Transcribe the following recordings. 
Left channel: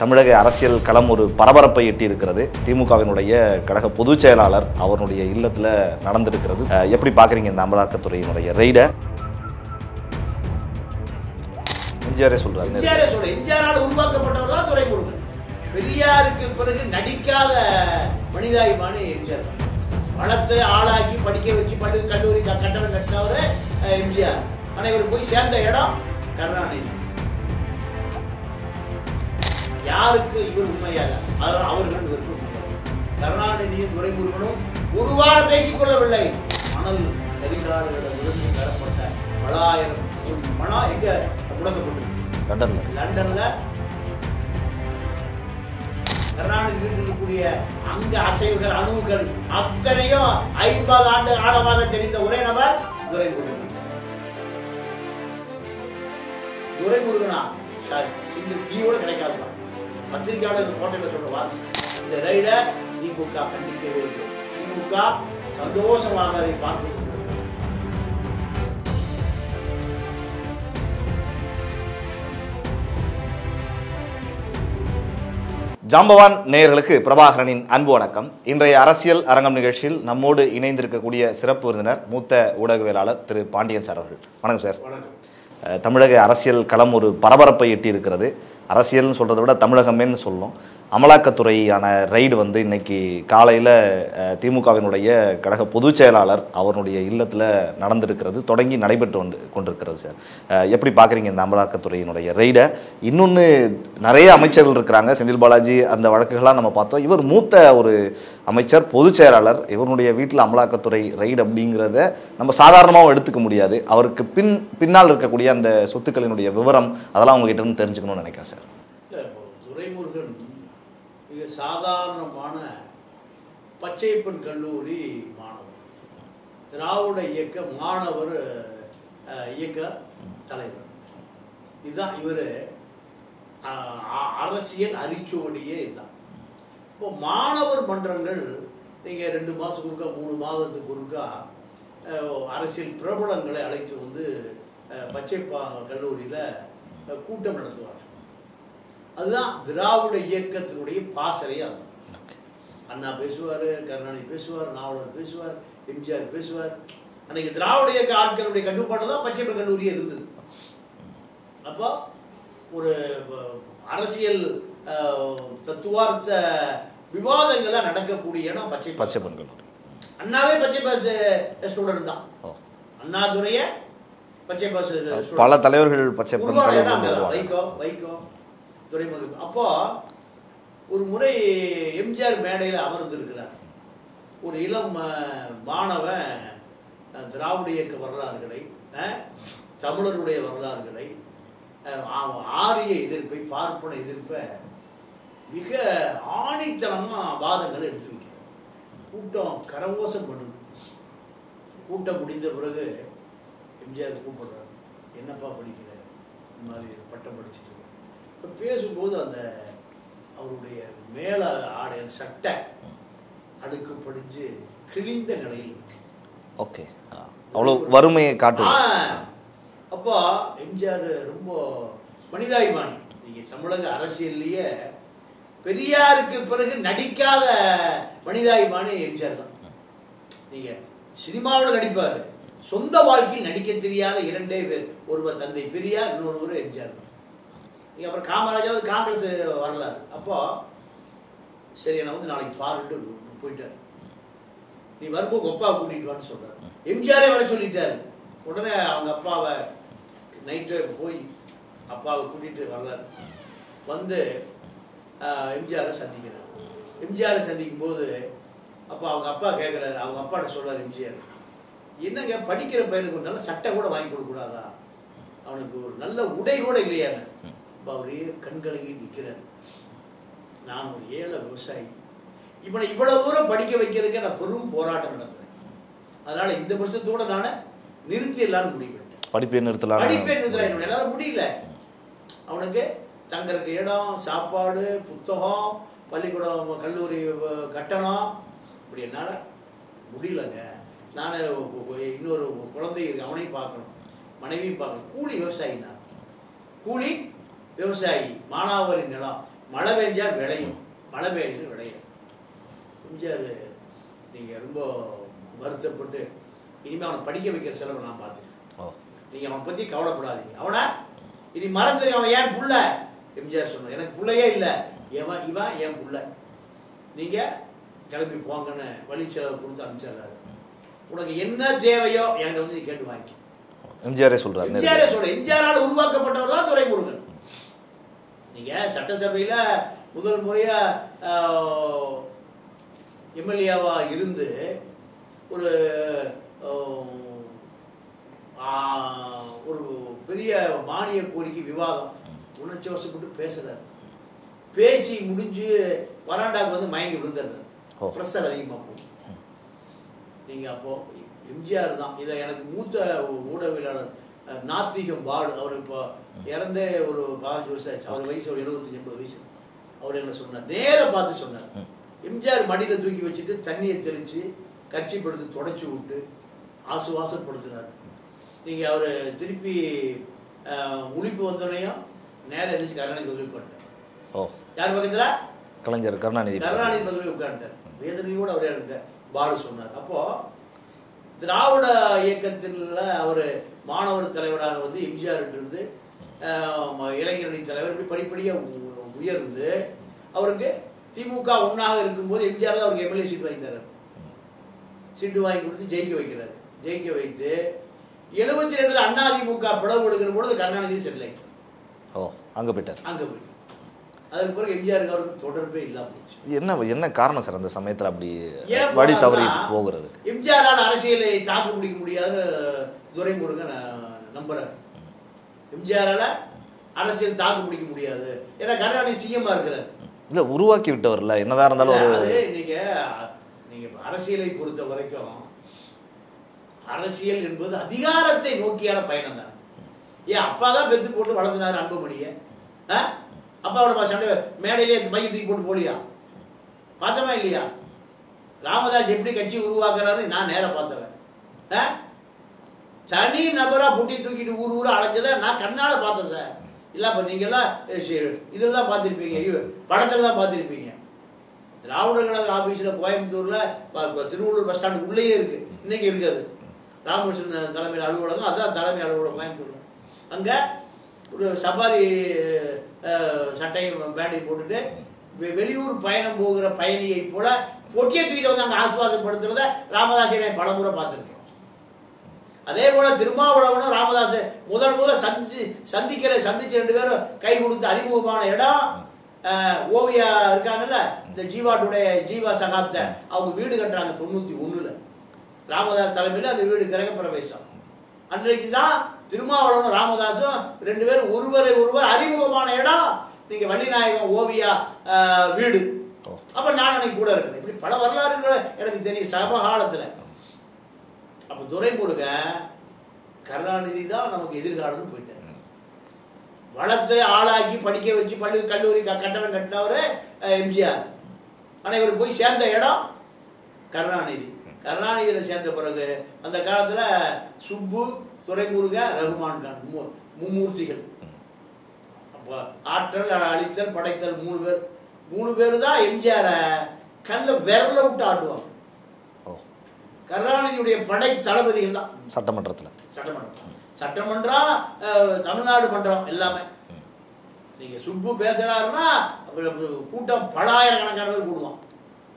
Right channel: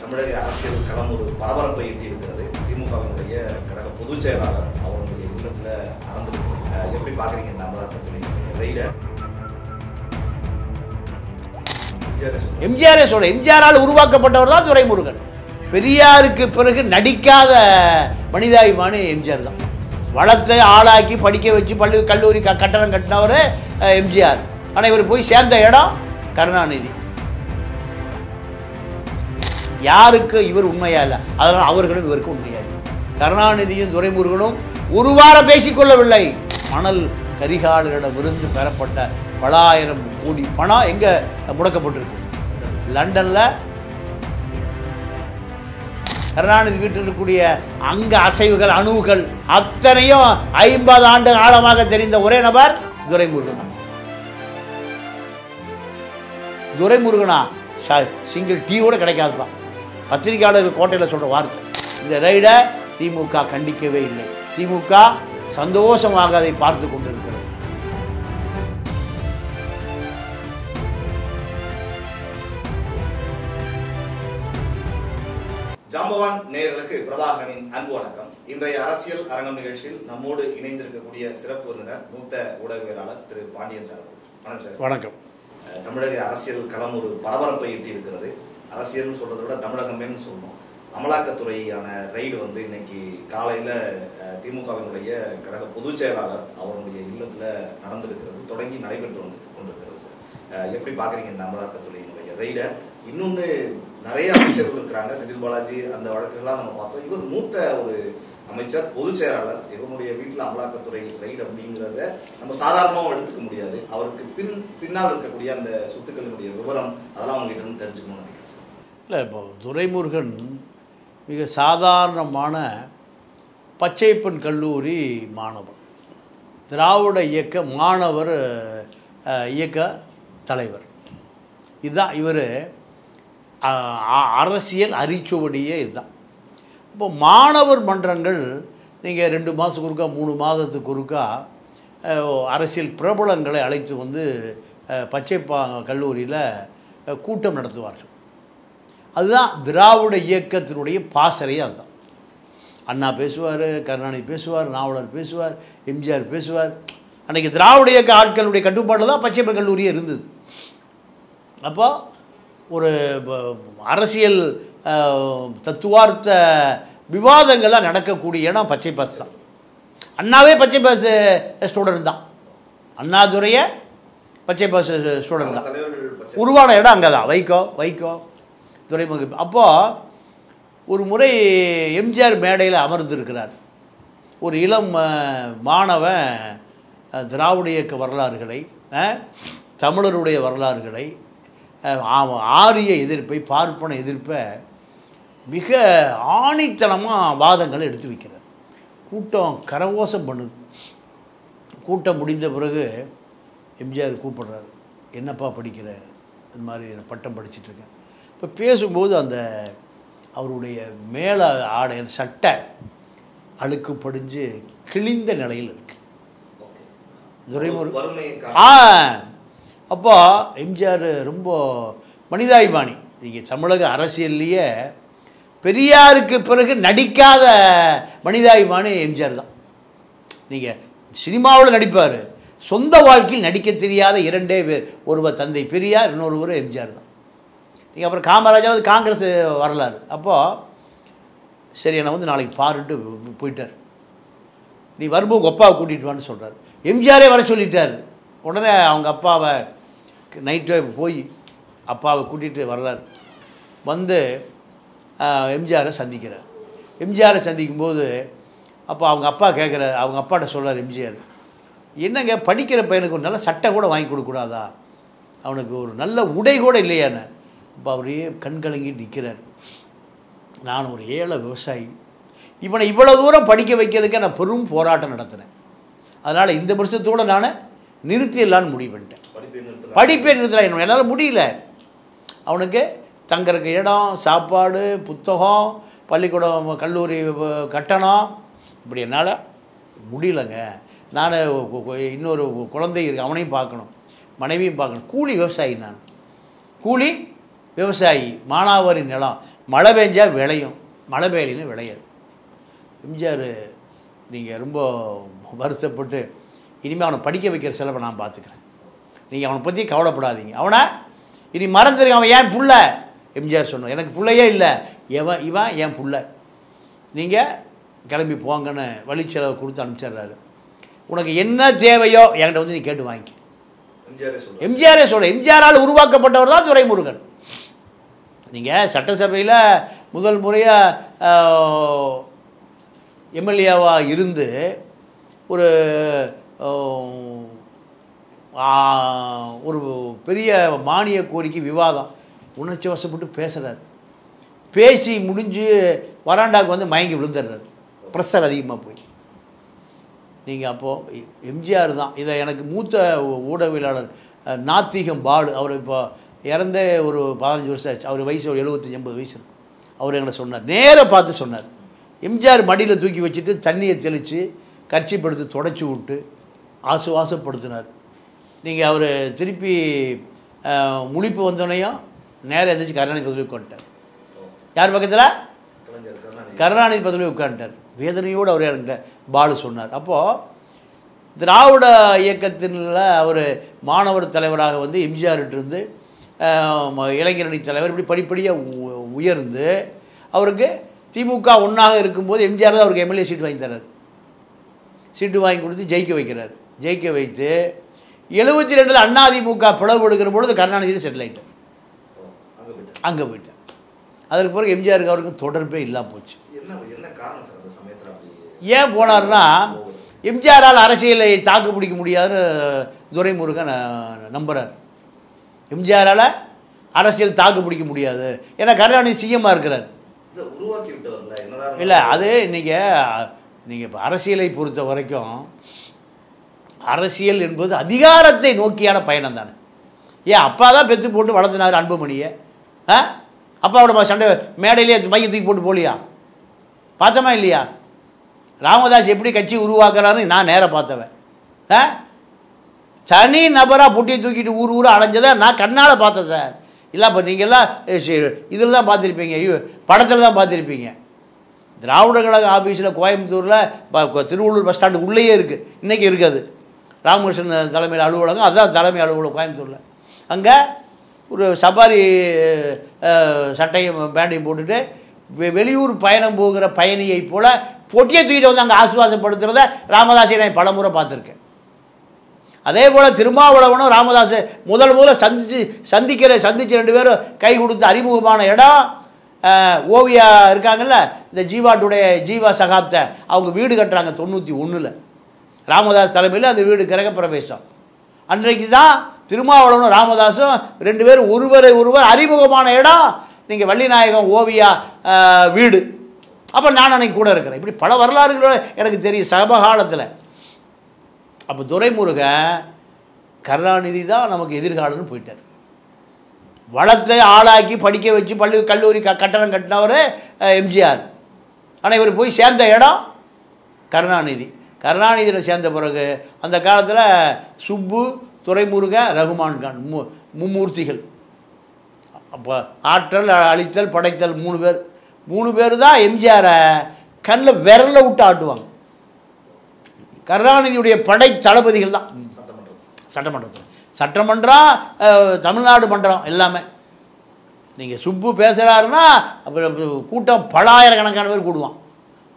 தமிழக அரசியல் களம் ஒரு பரபரப்பை எட்டியிருக்கிறது. திமுகவினுடைய கழக பொதுச் செயலாளர் அவருடைய இல்லத்தில் நடந்திருக்கிறது. எப்படி பார்க்குறீங்க இந்த அமலாக்கத்துறையினுடைய ரெய்டை? எம்ஜிஆரால் உருவாக்கப்பட்டவர் தான் துரைமுருகன். பெரியாருக்கு பிறகு நடிக்காத மனிதாபிமானி எம்ஜிஆர் தான். வளத்தை ஆளாக்கி படிக்க வச்சு பள்ளி கல்லூரி கட்டணம் கட்டினவர் எம்ஜிஆர். ஆனால் இவர் போய் சேர்ந்த இடம் கருணாநிதி. யாருக்கு இவர் உண்மையா இல்லை, அதனால் அவர்களும் இவருக்கு உண்மையா இல்லை. கருணாநிதியும் துரைமுருகனும் ஒரு வாரம் பேசிக்கொள்ளவில்லை. மணல் கரிகாலர்களிடமிருந்து பெறப்பட்ட பல ஆயிரம் கோடி பணம் எங்க முடக்கப்பட்டிருக்கு? லண்டன்ல. கருணாநிதி வீட்டில் இருக்கக்கூடிய அங்க அசைவுகள் அணுவுகள் அத்தனையும் 50 ஆண்டு ஆழமாக தெரிந்த ஒரே நபர் துரைமுருகன். துரைமுருகனா சிங்கிள் டீ கூட கிடைக்காதுதான். பத்திரிகையாளர்கள் கோட்டையில் சொல்ற வார்த்தை. இந்த ரைடை திமுக கண்டிக்கவே இல்லை. திமுக சந்தோஷமாக அதை பார்த்து கொண்டிருக்கிறது. ஜாம்பவான் நேயர்களுக்கு பிரபாகரனின் அன்பு வணக்கம். இன்றைய அரசியல் அரங்கம் நிகழ்ச்சியில் நம்மோடு இணைந்திருக்கக்கூடிய சிறப்பு விருந்தினர் மூத்த ஊடகவியலாளர் திரு பாண்டியன் சார் அவர்கள். வணக்கம் சார். வணக்கம். தமிழக அரசியல் களம் ஒரு பரபரப்பை எட்டி இருக்கிறது. அரசியல்னு சொல்றதை விட தமிழகமேன்னு சொல்லணும். அமலாக்கத்துறையான ரைடு இன்னைக்கு காலையில் திமுகவினுடைய கழக பொதுச் செயலாளர் அவருடைய இல்லத்தில் நடந்திருக்கிறது, தொடங்கி நடைபெற்று கொண்டிருக்கிறது சார். எப்படி பார்க்குறீங்க இந்த அமலாக்கத்துறையினுடைய ரைடை? இன்னொன்று நிறைய அமைச்சர்கள் இருக்கிறாங்க. செந்தில் பாலாஜி அந்த வழக்குகள்லாம் நம்ம பார்த்தோம். இவர் மூத்த ஒரு அமைச்சர், பொதுச் செயலாளர். இவருடைய வீட்டில் அமலாக்கத்துறை ரைடு அப்படிங்கிறத நம்ம சாதாரணமாகவும் எடுத்துக்க முடியாது. அவருக்கு பின்னால் இருக்கக்கூடிய அந்த சொத்துக்களினுடைய விவரம் அதெல்லாம் உங்ககிட்ட இருந்து தெரிஞ்சுக்கணும்னு நினைக்கிறேன் சார். இல்லை, இப்போ துரைமுருகன் மிக சாதாரணமான பச்சைப்பன் கல்லூரி மாணவர், திராவிட இயக்க மாணவர் இயக்க தலைவர். இதுதான் இவர் அரசியல் அரிச்சுவடியே. இதுதான். இப்போ மாணவர் மன்றங்கள் நீங்கள் 2 மாதத்துக்கு ஒருக்கா 3 மாதத்துக்கு ஒருக்கா அரசியல் பிரபலங்களை அழைத்து பச்சைப்பா கல்லூரியில் கூட்டம் நடத்துவார்கள். அதுதான் திராவிட இயக்கத்தினுடைய பாசறையே. அதுதான். அண்ணா பேசுவார், கருணாநிதி பேசுவார், நாவலர் பேசுவார், எம்ஜிஆர் பேசுவார். அன்றைக்கி திராவிட இயக்க ஆட்களுடைய கட்டுப்பாட்டில் தான் பச்சைப்பன் கல்லூரியே இருந்தது. அப்போ ஒரு அரசியல் தத்துவார்த்த விவாதங்கள்லாம் நடக்கக்கூடிய இடம் பச்சைப்பாஸ். அண்ணாவே பச்சைப்பாஸ் ஸ்டூடெண்ட் தான். அண்ணாதுரைய பச்சைப்பாஸ் ஸ்டூடெண்ட். பல தலைவர்கள் உருவான இடம் அங்கே தான். வைகோ துரைமுருகன். அப்போது ஒரு முறை எம்ஜிஆர் மேடையில் அமர்ந்திருக்கிறார். ஒரு இளம் மாணவன் திராவிட இயக்க வரலாறுகளை, தமிழருடைய வரலாறுகளை, ஆரிய எதிர்ப்பை, பார்ப்பன எதிர்ப்பை மிக ஆணித்தனமாக வாதங்களை எடுத்து வைக்கிறார். கூட்டம் கரகோஷம் பண்ணுது. கூட்டம் முடிந்த பிறகு எம்ஜிஆர் கூப்பிடுறாரு. என்னப்பா படிக்கிற? இந்த மாதிரி பட்டம் படிச்சுட்ருக்கேன். இப்போ பேசும்போது அந்த அவருடைய மேலே ஆடை சட்டை அழுக்கு படிஞ்சு கிழிந்த நிலையில் இருக்கு. ஓகே, வறுமையை காட்டு. அப்போ எம்ஜிஆர் ரொம்ப மனிதாபிமானி. நீங்கள் தமிழக அரசியல்லையே பெரியாருக்கு பிறகு நடிக்காத மனிதாபிமானி எம்ஜிஆர் தான். நீங்கள் சினிமாவில் நடிப்பார், சொந்த வாழ்க்கையில் நடிக்க தெரியாத 2 பேர். ஒருவர் தந்தை பெரியார், இன்னொருவர் எம்ஜிஆர் தான். நீங்கள் அப்புறம் காமராஜர் காங்கிரஸ் வரலாறு. அப்போது சரி, என்னை நாளைக்கு பாருன்ட்டு போயிட்டார். நீ வரும்போது உங்கள் அப்பாவை கூட்டிகிட்டு வான்னு சொல்கிறார். எம்ஜிஆரே வர சொல்லிட்டார். உடனே அவங்க அப்பாவை நைட்டே போய் அப்பாவை கூட்டிகிட்டு வர்றார். எம்ஜிஆரை சந்திக்கிறார். எம்ஜிஆரை சந்திக்கும்போது அப்போ அவங்க அப்பா கேட்குறாரு. அவங்க அப்பாட்ட சொல்கிறார் எம்ஜிஆர், என்னங்க படிக்கிற பையனுக்கு ஒரு நல்ல சட்டை கூட வாங்கி கொடுக்கூடாதா? அவனுக்கு ஒரு நல்ல உடை கூட இல்லையான்னு. இப்போ அவரையே கண்கலங்கிட்டு நிற்கிறார். நான் ஒரு ஏழை விவசாயி, இவனை இவ்வளோ தூரம் படிக்க வைக்கிறதுக்கு நான் பெரும் போராட்டம் நடத்துகிறேன். அதனால் இந்த வருஷத்தோடு நான் நிறுத்திடலான்னு முடிவு பண்ணிட்டேன். படிப்பே நிறுத்தலாம். என்னால் முடியல. அவனுக்கு தங்கறதுக்கு இடம், சாப்பாடு, புத்தகம், பள்ளிக்கூடம், கல்லூரி கட்டணம், இப்படி என்னால் முடியலைங்க. நான் இன்னொரு குழந்தை இருக்கு, அவனையும் பார்க்கணும், மனைவியும் பார்க்கணும். கூலி விவசாயி. நான் கூலி விவசாயி, மானாவாரி நிலம், மழை பெஞ்சா விளையும், மழை பெய்யலைன்னு விளையாது. எம்ஜிஆர் நீங்கள் ரொம்ப வருத்தப்பட்டு இனிமேல் அவனை படிக்க வைக்கிற செலவை நான் பார்த்துக்கிறேன், நீங்கள் அவனை பற்றி கவலைப்படாதீங்க, அவனை இனி மறந்துடுங்க, அவன் ஏன் புள்ள. எம்ஜிஆர் சொன்னார், எனக்கு பிள்ளையே இல்லை, இவன் என் புள்ள, நீங்கள் கிளம்பி போங்கன்னு வழி செலவை கொடுத்து அனுப்பிச்சிடுறாரு. உனக்கு என்ன தேவையோ என்கிட்ட வந்து நீ கேட்டு வாங்கி. எம்ஜிஆரே சொல்கிறார். எம்ஜிஆரால் உருவாக்கப்பட்டவர் தான் துரைமுருகன். நீங்கள் சட்டசபையில் முதல் முறையாக எம்எல்ஏவாக இருந்து ஒரு ஒரு பெரிய மானிய கோரிக்கை விவாதம் உணர்ச்சி வசப்பட்டு பேசுகிறார். பேசி முடிஞ்சு வராண்டாவுக்கு வந்து மயங்கி விழுந்துடுறாரு, ப்ரெஷர் அதிகமாக போய். நீங்கள் அப்போது எம்ஜிஆர் தான் இதை எனக்கு மூத்த ஊடகவியலாளர் நாத்திகம் பாலு, அவர் இப்போ இறந்தே ஒரு 15 வருஷம் ஆச்சு, அவர் வயசு ஒரு 75-80 வயசு. அவர் எங்களை சொன்னார், நேராக பார்த்து சொன்னார், எம்ஜிஆர் மடியில் தூக்கி வச்சுட்டு தண்ணியை தெளித்து கர்ச்சிப்படுத்தி தொடச்சி விட்டு ஆசுவாசப்படுத்தினார். நீங்கள் அவர் திருப்பி முழிப்பு வந்தோடனையும் நேராக எழுந்திரிச்சு கருணாநிதி பதவி உட்காந்துட்டார். யார் பக்கத்தில்? கலைஞர் கருணாநிதி பதவி உட்காந்துட்டார். வேதனையோடு அவர் என்கிட்ட பாலு சொன்னார். அப்போது திராவிட இயக்கத்தின்ல அவர் மாணவர் தலைவராக வந்து எம்ஜிஆர்கிட்டருந்து இளைஞரணி தலைவர் இப்படி படிப்படியாக உயர்ந்து அவருக்கு திமுக ஒன்றாக இருக்கும்போது எம்ஜிஆர் தான் அவருக்கு எம்எல்ஏ சீட் வாங்கி தர்றார். சீட்டு வாங்கி கொடுத்து ஜெயிக்க வைக்கிறார். ஜெயிக்க வைத்து 72 அதிமுக பிளவு எடுக்கிற பொழுது கருணாநிதி செட்டில் ஆகிட்டார். அங்கே போயிட்டார். அதற்கு பிறகு எம்ஜிஆருக்கு அவருக்கும் தொடர்பே இல்லாமல் போச்சு. என்ன காரணம் சார் அந்த சமயத்தில் அப்படி ஏன் போனார்னா, எம்ஜிஆரால் அரசியலை தாக்கு பிடிக்க முடியாதுன்னு துரைமுருகன் நம்புறார். எம்ஜிஆரால் அரசியல் தாக்கு பிடிக்க முடியாது, ஏன்னா கருணாநிதி சிஎம்மாக இருக்கிறார். இல்லை உருவாக்கி விட்டவர்ல என்னதான் இருந்தாலும். இல்லை அது நீங்கள் இப்போ அரசியலை பொறுத்த வரைக்கும் அரசியல் என்பது அதிகாரத்தை நோக்கியான பயணம் தானே. ஏன் அப்பா தான் பெற்று போட்டு வளர்த்தினார் அன்புமணியை. அப்பாவோட சண்டை மேடையிலேயே மைய தூக்கி போட்டு போலியா? பார்த்தோமா இல்லையா? ராமதாஸ் எப்படி கட்சி உருவாக்குறாருன்னு நான் நேராக பார்த்தவன். தனி நபராக புட்டியை தூக்கிட்டு ஊர் அலைஞ்சதை நான் கண்ணால் பார்த்தேன் சார். இல்லை அப்போ நீங்கள்லாம் இதில் தான் பார்த்துருப்பீங்க, படத்தில் தான் பார்த்துருப்பீங்க. திராவிட கழக ஆஃபீஸில் கோயம்புத்தூரில் திருவள்ளூர் பஸ் ஸ்டாண்டுக்கு உள்ளேயே இருக்குது, இன்றைக்கி இருக்காது. ராமகிருஷ்ணன் தலைமையில் அலுவலகம், அதுதான் தலைமை அலுவலகம் கோயம்புத்தூரில். அங்கே ஒரு சஃபாரி சட்டையும் பேண்டையும் போட்டுட்டு வெளியூர் பயணம் போகிற பயணியை போல் பொட்டியை தூக்கிட்டு வந்து அங்கே ஆசுவாசப்படுத்துகிறத ராமதாஸை நான் பலமுறை பார்த்துருக்கேன். அதே போல் திருமாவளவனும் ராமதாஸை முதல்ல சந்திச்சு 2 பேரும் கை கொடுத்து அறிமுகமான இடம் ஓவியா இருக்காங்கல்ல, இந்த ஜீவா சகாப்தை அவங்க வீடு கட்டுறாங்க 91. ராமதாஸ் தலைமையில் அந்த வீடு கிரக பிரவேசம். அன்றைக்கு தான் திருமாவளவனும் ராமதாஸும் 2 பேரும் ஒருவர் அறிமுகமான இடம் நீங்கள் வள்ளிநாயகம் ஓவியா வீடு. அப்போ நான் அன்னைக்கு கூட இருக்கிறேன். இப்படி பல வரலாறுகள் எனக்கு தெரியும் சமகாலத்தில். அப்போ துரைமுருகன் கருணாநிதி தான் நமக்கு எதிர்காலம்னு போயிட்டார். வளத்தை ஆளாக்கி படிக்க வச்சு கல்லூரி கட்டணம் கட்டினவர் எம்ஜிஆர். ஆனால் இவர் போய் சேர்ந்த இடம் கருணாநிதியில் சேர்ந்த பிறகு அந்த காலத்தில் சுப்பு, துரைமுருகன், ரகுமான் கான் மும்மூர்த்திகள். அப்போ ஆற்றல், அழித்தல், படைத்தல் 3 பேர் தான் எம்ஜிஆரை கண்ணில் விரல விட்டு ஆட்டுவாங்க. கருணாநிதியுடைய படை தளபதிகள் தான் சட்டமன்றம், தமிழ்நாடு மன்றம் எல்லாமே. நீங்கள் சுப்பு பேசுகிறாருன்னா அப்புறம் கூட்டம் பலாயிரக்கணக்கான பேர் கூடுவான்.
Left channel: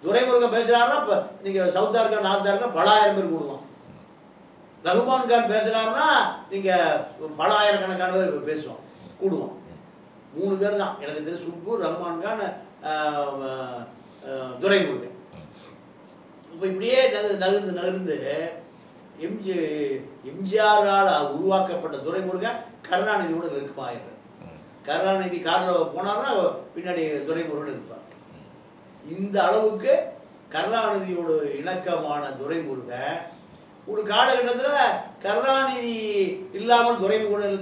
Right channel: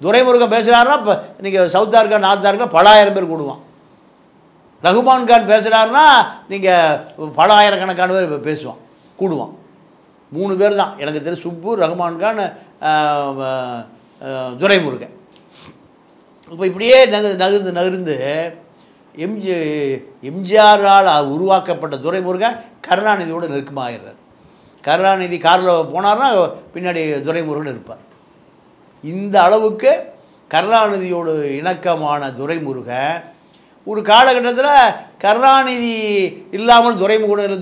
துரைமுருகன் பேசுகிறாருன்னா இப்போ நீங்கள் சவுத்தார்கா நார்த்தார்கா பலாயிரம் பேர் கூடுவான். ரகுமான் கான் பேசுகிறாருன்னா நீங்கள் பலாயிரக்கணக்கான பேர் கூடுவான். 3 பேர் தான் எனக்கு தெரியும், சுப்பு, ரகுமான் கான், துரைமுருகன். இப்போ இப்படியே நகர்ந்து எம்ஜிஆரால் உருவாக்கப்பட்ட துரைமுருகன் கருணாநிதியோட நெருக்கமாகிறார். கருணாநிதி காரில் போனார்னா பின்னாடி துரைமுருகன் இருப்பார். இந்த அளவுக்கு கருணாநிதியோட இணக்கமான துரைமுருகன் ஒரு காலகட்டத்தில் கருணாநிதி இல்லாமல் துரைமுருகன்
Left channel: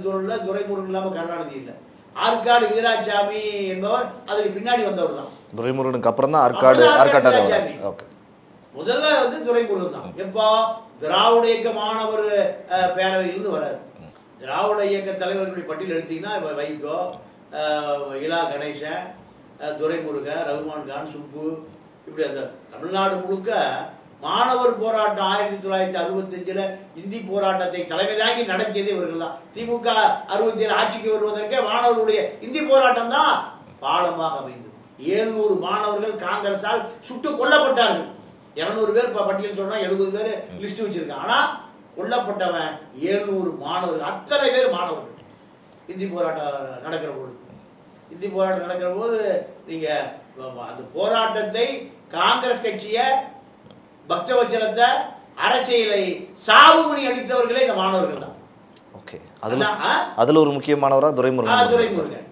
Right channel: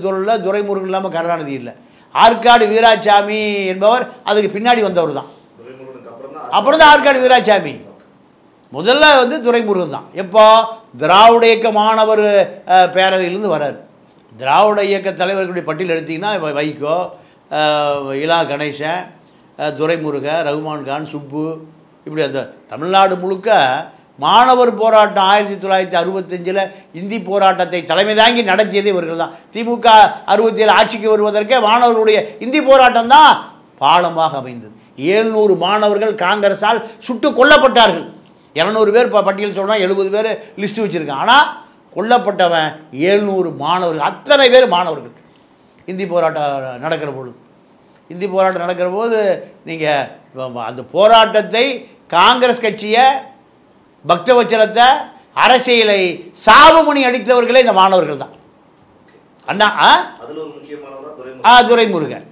இல்லாமல் கருணாநிதி இல்லை. ஆற்காடு வீராசாமி என்பவர் அதுக்கு பின்னாடி வந்தவர் தான். துரைமுருகனுக்கு அப்புறம் தான் ஆற்காடு வீராசாமி. முதல்ல வந்து துரைமுருகன் தான். எப்போ திராவிட இயக்க மாணவர் பேரவையிலேருந்து வராரு. திராவிட இயக்க தலைவர்களுடைய பட்டியல் எடுத்திங்கன்னா வைகோ, இலா கணேசன், துரைமுருகன், ரகுமான் கான், சுப்பு, இப்படி அந்த தமிழ்நாடு முழுக்க மாணவர் போராட்டம் 1965 இந்தி போராட்டத்தை தலைமை தாங்கி நடத்தியதே இவர்கள் தான். திமுக 67 ஆட்சிக்கு வருவதற்கே மாணவர்களுடைய இந்தி போராட்டம் தான் பாலமாக அமைந்தது. 700 மாணவர்கள் காங்கிரஸால் சுட்டு கொல்லப்பட்டார்கள். 200 பேர் பட்டியல் சொன்னால் 70 பேர் லிஸ்ட் வச்சுருக்கான். ஆனால் கொல்லப்பட்டவன் 700 மாணவர்கள், அத்தனை பேர் மாணவர்கள். இந்தி போராட்டம் நடக்கிற பொழுது இந்தி போராட்டம் நடக்கிற போது நீங்கள் அந்த போராட்டத்தை காங்கிரஸ் கட்சியை, பக்தவச்சலத்தை, அரசியலை சாவுமணி அடித்தவர்களே இந்த மாணவர்கள் தான். ஓகே, அண்ணா அதில் ஒரு முக்கியமானவராக துரைமுருகன். துரைமுருகன்.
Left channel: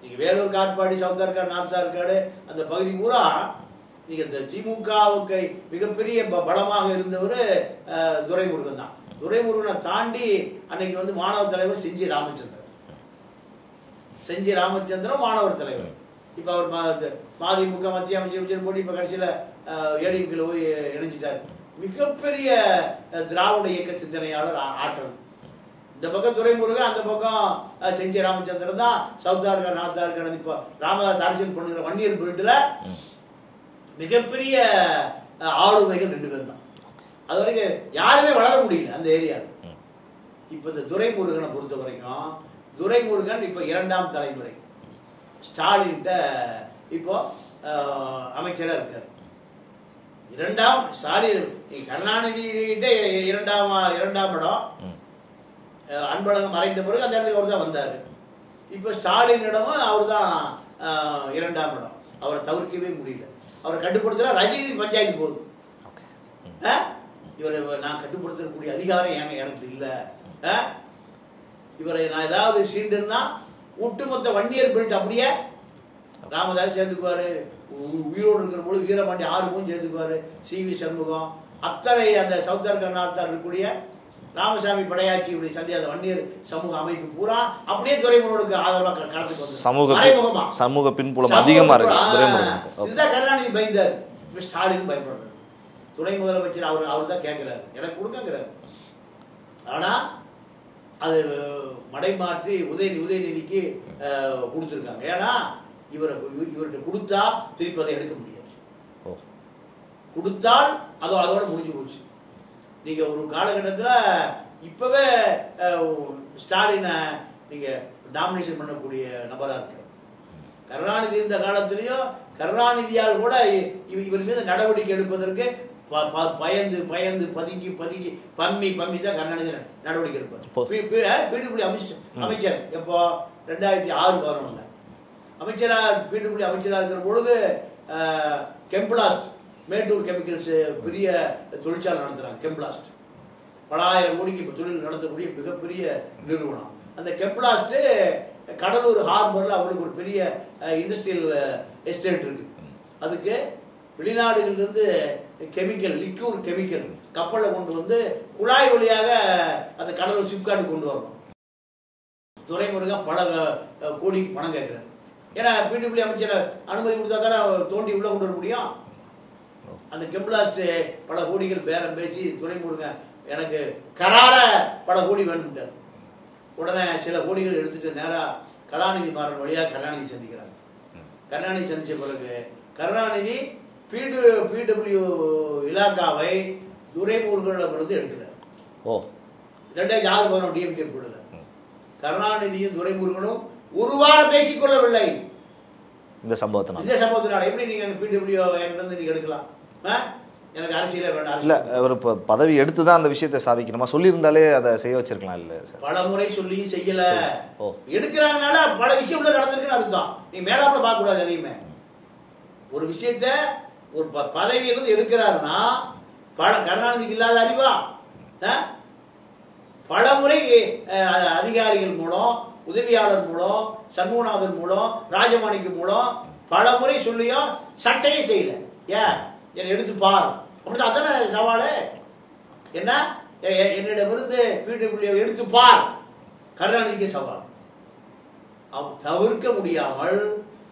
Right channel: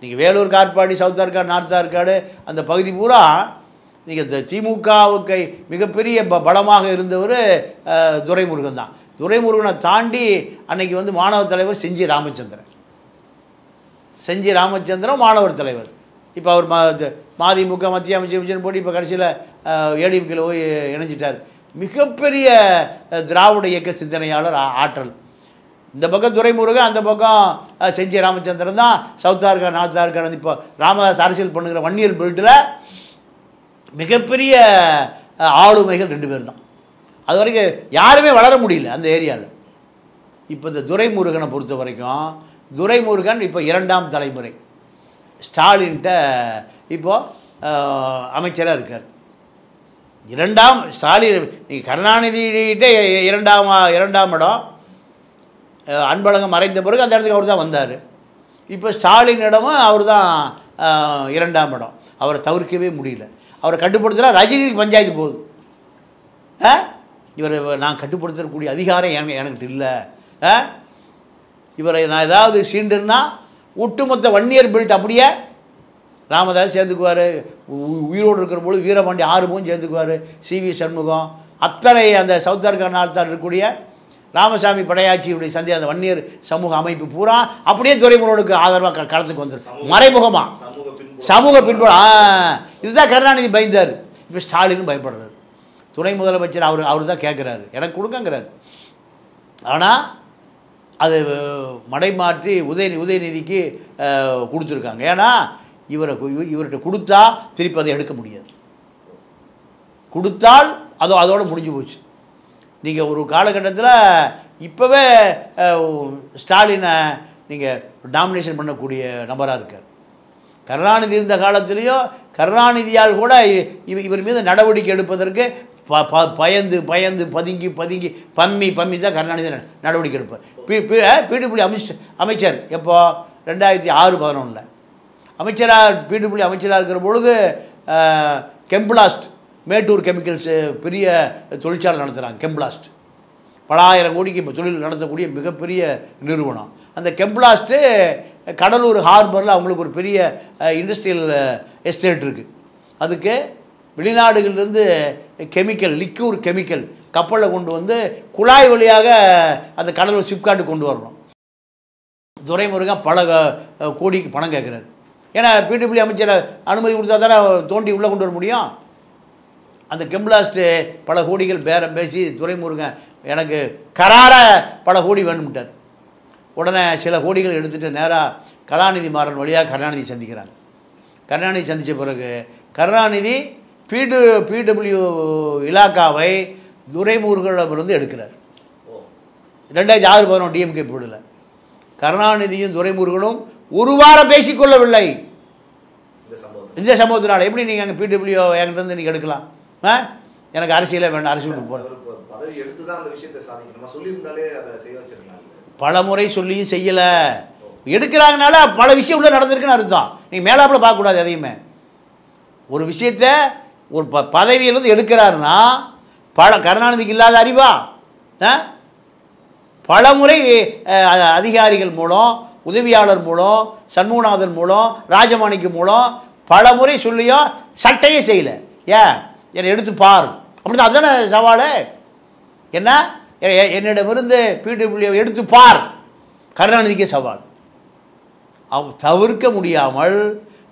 நீங்கள் வேலூர், காட்பாடி, சவுத் ஆர்காடு, நார்த் ஆர்காடு அந்த பகுதி பூரா நீங்கள் இந்த திமுகவுக்கு மிகப்பெரிய பலமாக இருந்தவர் துரைமுருகன் தான். துரைமுருகனை தாண்டி அன்னைக்கு வந்து மாணவர் தலைவர் செஞ்சி ராமச்சந்திரன் மாணவர் தலைவர். இப்போ அவர் மதிமுக மத்திய அமைச்சர் போட்டு இப்போ கடைசியில் ஏடிஎம்கேல போய் இணைஞ்சிட்டார். மிகப்பெரிய திராவிட இயக்க சிந்தனையாளர், ஆற்றல். இந்த பக்கம் துரைமுருகன், அந்த பக்கம் செஞ்சி ராமச்சந்திரன் தான். சவுத் ஆர்காடு, நார்த் ஆர்காடு இப்போ ராமதாஸ் அரசியல் பண்ணுகிற வன்னியர் பெல்ட்டில் மிகப்பெரிய ஆளுமைகள் 2 பேர் தான். அது வரைக்கும் யாருமே வளர முடியல அந்த ஏரியாவில். இப்போ இந்த துரைமுருகனை பொறுத்த வரைக்கும், துரைமுருகன் இப்போ 2ஆம் தலைமுறை. ஸ்டாலின்கிட்ட இப்போது அமைச்சராக இருக்கார். 2ஆம் ஸ்டாலின், நீங்கள் கருணாநிதிகிட்ட 2ஆம் இடம், அன்பழகன் மறைந்த பிறகு அந்த இடத்துக்கு அவர் தான் வந்தார். இப்போ ஸ்டாலினிடமும் அவர் தான் 2ஆம் இடம். அவரை தவிர்க்கவே முடியல. அவரை கட்டுப்படுத்துகிறா ரஜினிக்கு பஞ்சாயத்து போகுது. இவரை நான் கட்டுப்படுத்தக்கூடிய அதிகாரம் எனக்கு இல்லை. இவரை நான் ஏதாவது சீண்டுன்னா ஒட்டுமொத்த வன்னியர் பெல்ட் அப்படியே ராமதாஸ் சேர்த்துக்குவார். உயிரோடு இருக்கிற பொழுது வீரபாண்டி ஆறுமுகம் சேர்த்துக்குவார். சிவி சண்முகம், அத்தனை அந்த சவுத் ஆர்காடு, நார்த் ஆர்காடு இருக்கக்கூடிய ராமசாமி படையாட்சியுடைய அந்த வன்னியர் சமூக அமைப்பு பூரா அப்படியே துரைமுருகனுக்கு ஆதரவாக களத்துக்கு வந்து மறைமுகமா சமூக பின்புலம். இதுதான் கருணாநிதி பயந்தார். இப்போ ஸ்டாலினும் பயப்படுறாரு. துணை முதலமைச்சர் அவர் தான் கேட்குறாரு, எனக்கு கொடுக்கங்கிறாரு. ஆனால் அது மடைமாற்றி உதயநிதிக்கு கொடுத்துருக்காங்க. ஏன்னா இவர்கிட்ட கொடுத்தா திருப்பி அதை எடுக்க முடியாது. கொடுத்தால் அதோட முடிஞ்சு போச்சு. நீங்கள் ஒரு காலகட்டத்தில் இப்போவே ஸ்டாலினை நீங்கள் டாமினேஷன் பண்ணக்கூடிய நபராக இருக்கார். கருணாநிதி இருந்த காலத்திலையும் கருணாநிதியால் கூட இவர் மீது நடவடிக்கை எடுப்பதற்கு பயந்து பதுங்கி பம்மி தான் கருணாநிதி நடவடிக்கை எடுப்பார். பிடபிள்யூ அமைச்சர் எப்போ 2006-11 அமைச்சராக பிடபிள்யூ அமைச்சராக இருக்கிற பொழுது கெம்பிளாஸ்ட், மேட்டூர் கெமிக்கல்ஸ் பெரிய தொழிற்சாலை நடத்துகிறாங்க. கெம்பிளாஸ்ட் பல ஆயிரம் கோடிக்கு இப்போ தொழில் நடத்தக்கூடிய மிகப்பெரிய நிறுவனம். அந்த கெம்பிளாஸ்ட்டு கடலூர் ஹார்பரில் அவங்களுக்கு ஒரு பெரிய இண்டஸ்ட்ரியல் எஸ்டேட் இருக்குது. அதுக்கு வெளிநாடுகளிலிருந்து லிக்யூர் கெமிக்கல் கப்பலில் கொண்டு வந்து குழாய் வழியாக அந்த கடலூர் சிப்காட்டுக்கு கொண்டு வரணும். துரைமுருகன் பல கோடிக்கு பணம் கேட்குறாரு. ஏன்னா பிடபிள்யூ அமைச்சரை அனுமதி கொடுத்தா தானே தோண்டி உள்ளே கொண்டு வர முடியும். அந்த கெம்பிளாஸ்ட்டு பல கோடிகள் பேரம் பேசி துரைமுருகன் எனக்கு கராராக பல கோடி வேணும்ட்டார். உடனே சில கோடிகள் எடுத்துகிட்டு நேராக கலாநிதி மாறன் வழியாக கருணாநிதி சந்திக்கிறாங்க. கருணாநிதி சந்தித்த பிறகு கருணாநிதி பிடபிள்யூ இலாக்காவை துரைமுருகனிடமிருந்து எடுக்கிறார். 2006-11 டிஎம்கே போடல. கருணாநிதியும் துரைமுருகனும் ஒரு வாரம் பேசிக்கொள்ளவில்லை. இந்த சம்பவத்தினால எப்படி நீங்கள் அங்கே பிடபிள்யூ என்கிட்ட இருந்து நீங்கள் எடுக்கலாம்? எனக்கு அரசியலே வேண்டாம். அரசியல் அவர் இப்போ பதவி எடுத்து தான் அந்த விஷயத்தை சாதிக்கணுமா? சொல்லியிருந்தாலே அதை செய்ய வச்சிருக்கலாம். இல்லை, பல முறை சொல்லியும் செய்யலை. எடுக்கிறாங்கனால பல விஷயம் உள்ள நடந்திருக்குன்னு அர்த்தம். நீங்கள் மேலாப்பில் பார்க்கக்கூடாது. அதையுமே ஒரு விஷயத்தை ஒரு பதவியிலிருந்து எடுக்கிறாருன்னா கருணாநிதிக்கு இல்லாத அறிவா? பல முறை அதிகாரிகள் மூலம், உதவியாளர் மூலம், சண்முகநாதன் மூலம், ராஜமாணிக்கம் மூலம் பல முறை சொல்லியும் சட்டையே செய்யலை. ஏன் என்னை எடுத்து பார் அப்படிதான். அதுதானே சவால். என்ன என்னிடமிருந்து பிடபிள்யூ எடுத்து பார் கருணாநிதிக்கே சவால். தவிர்க்க முடியாமல்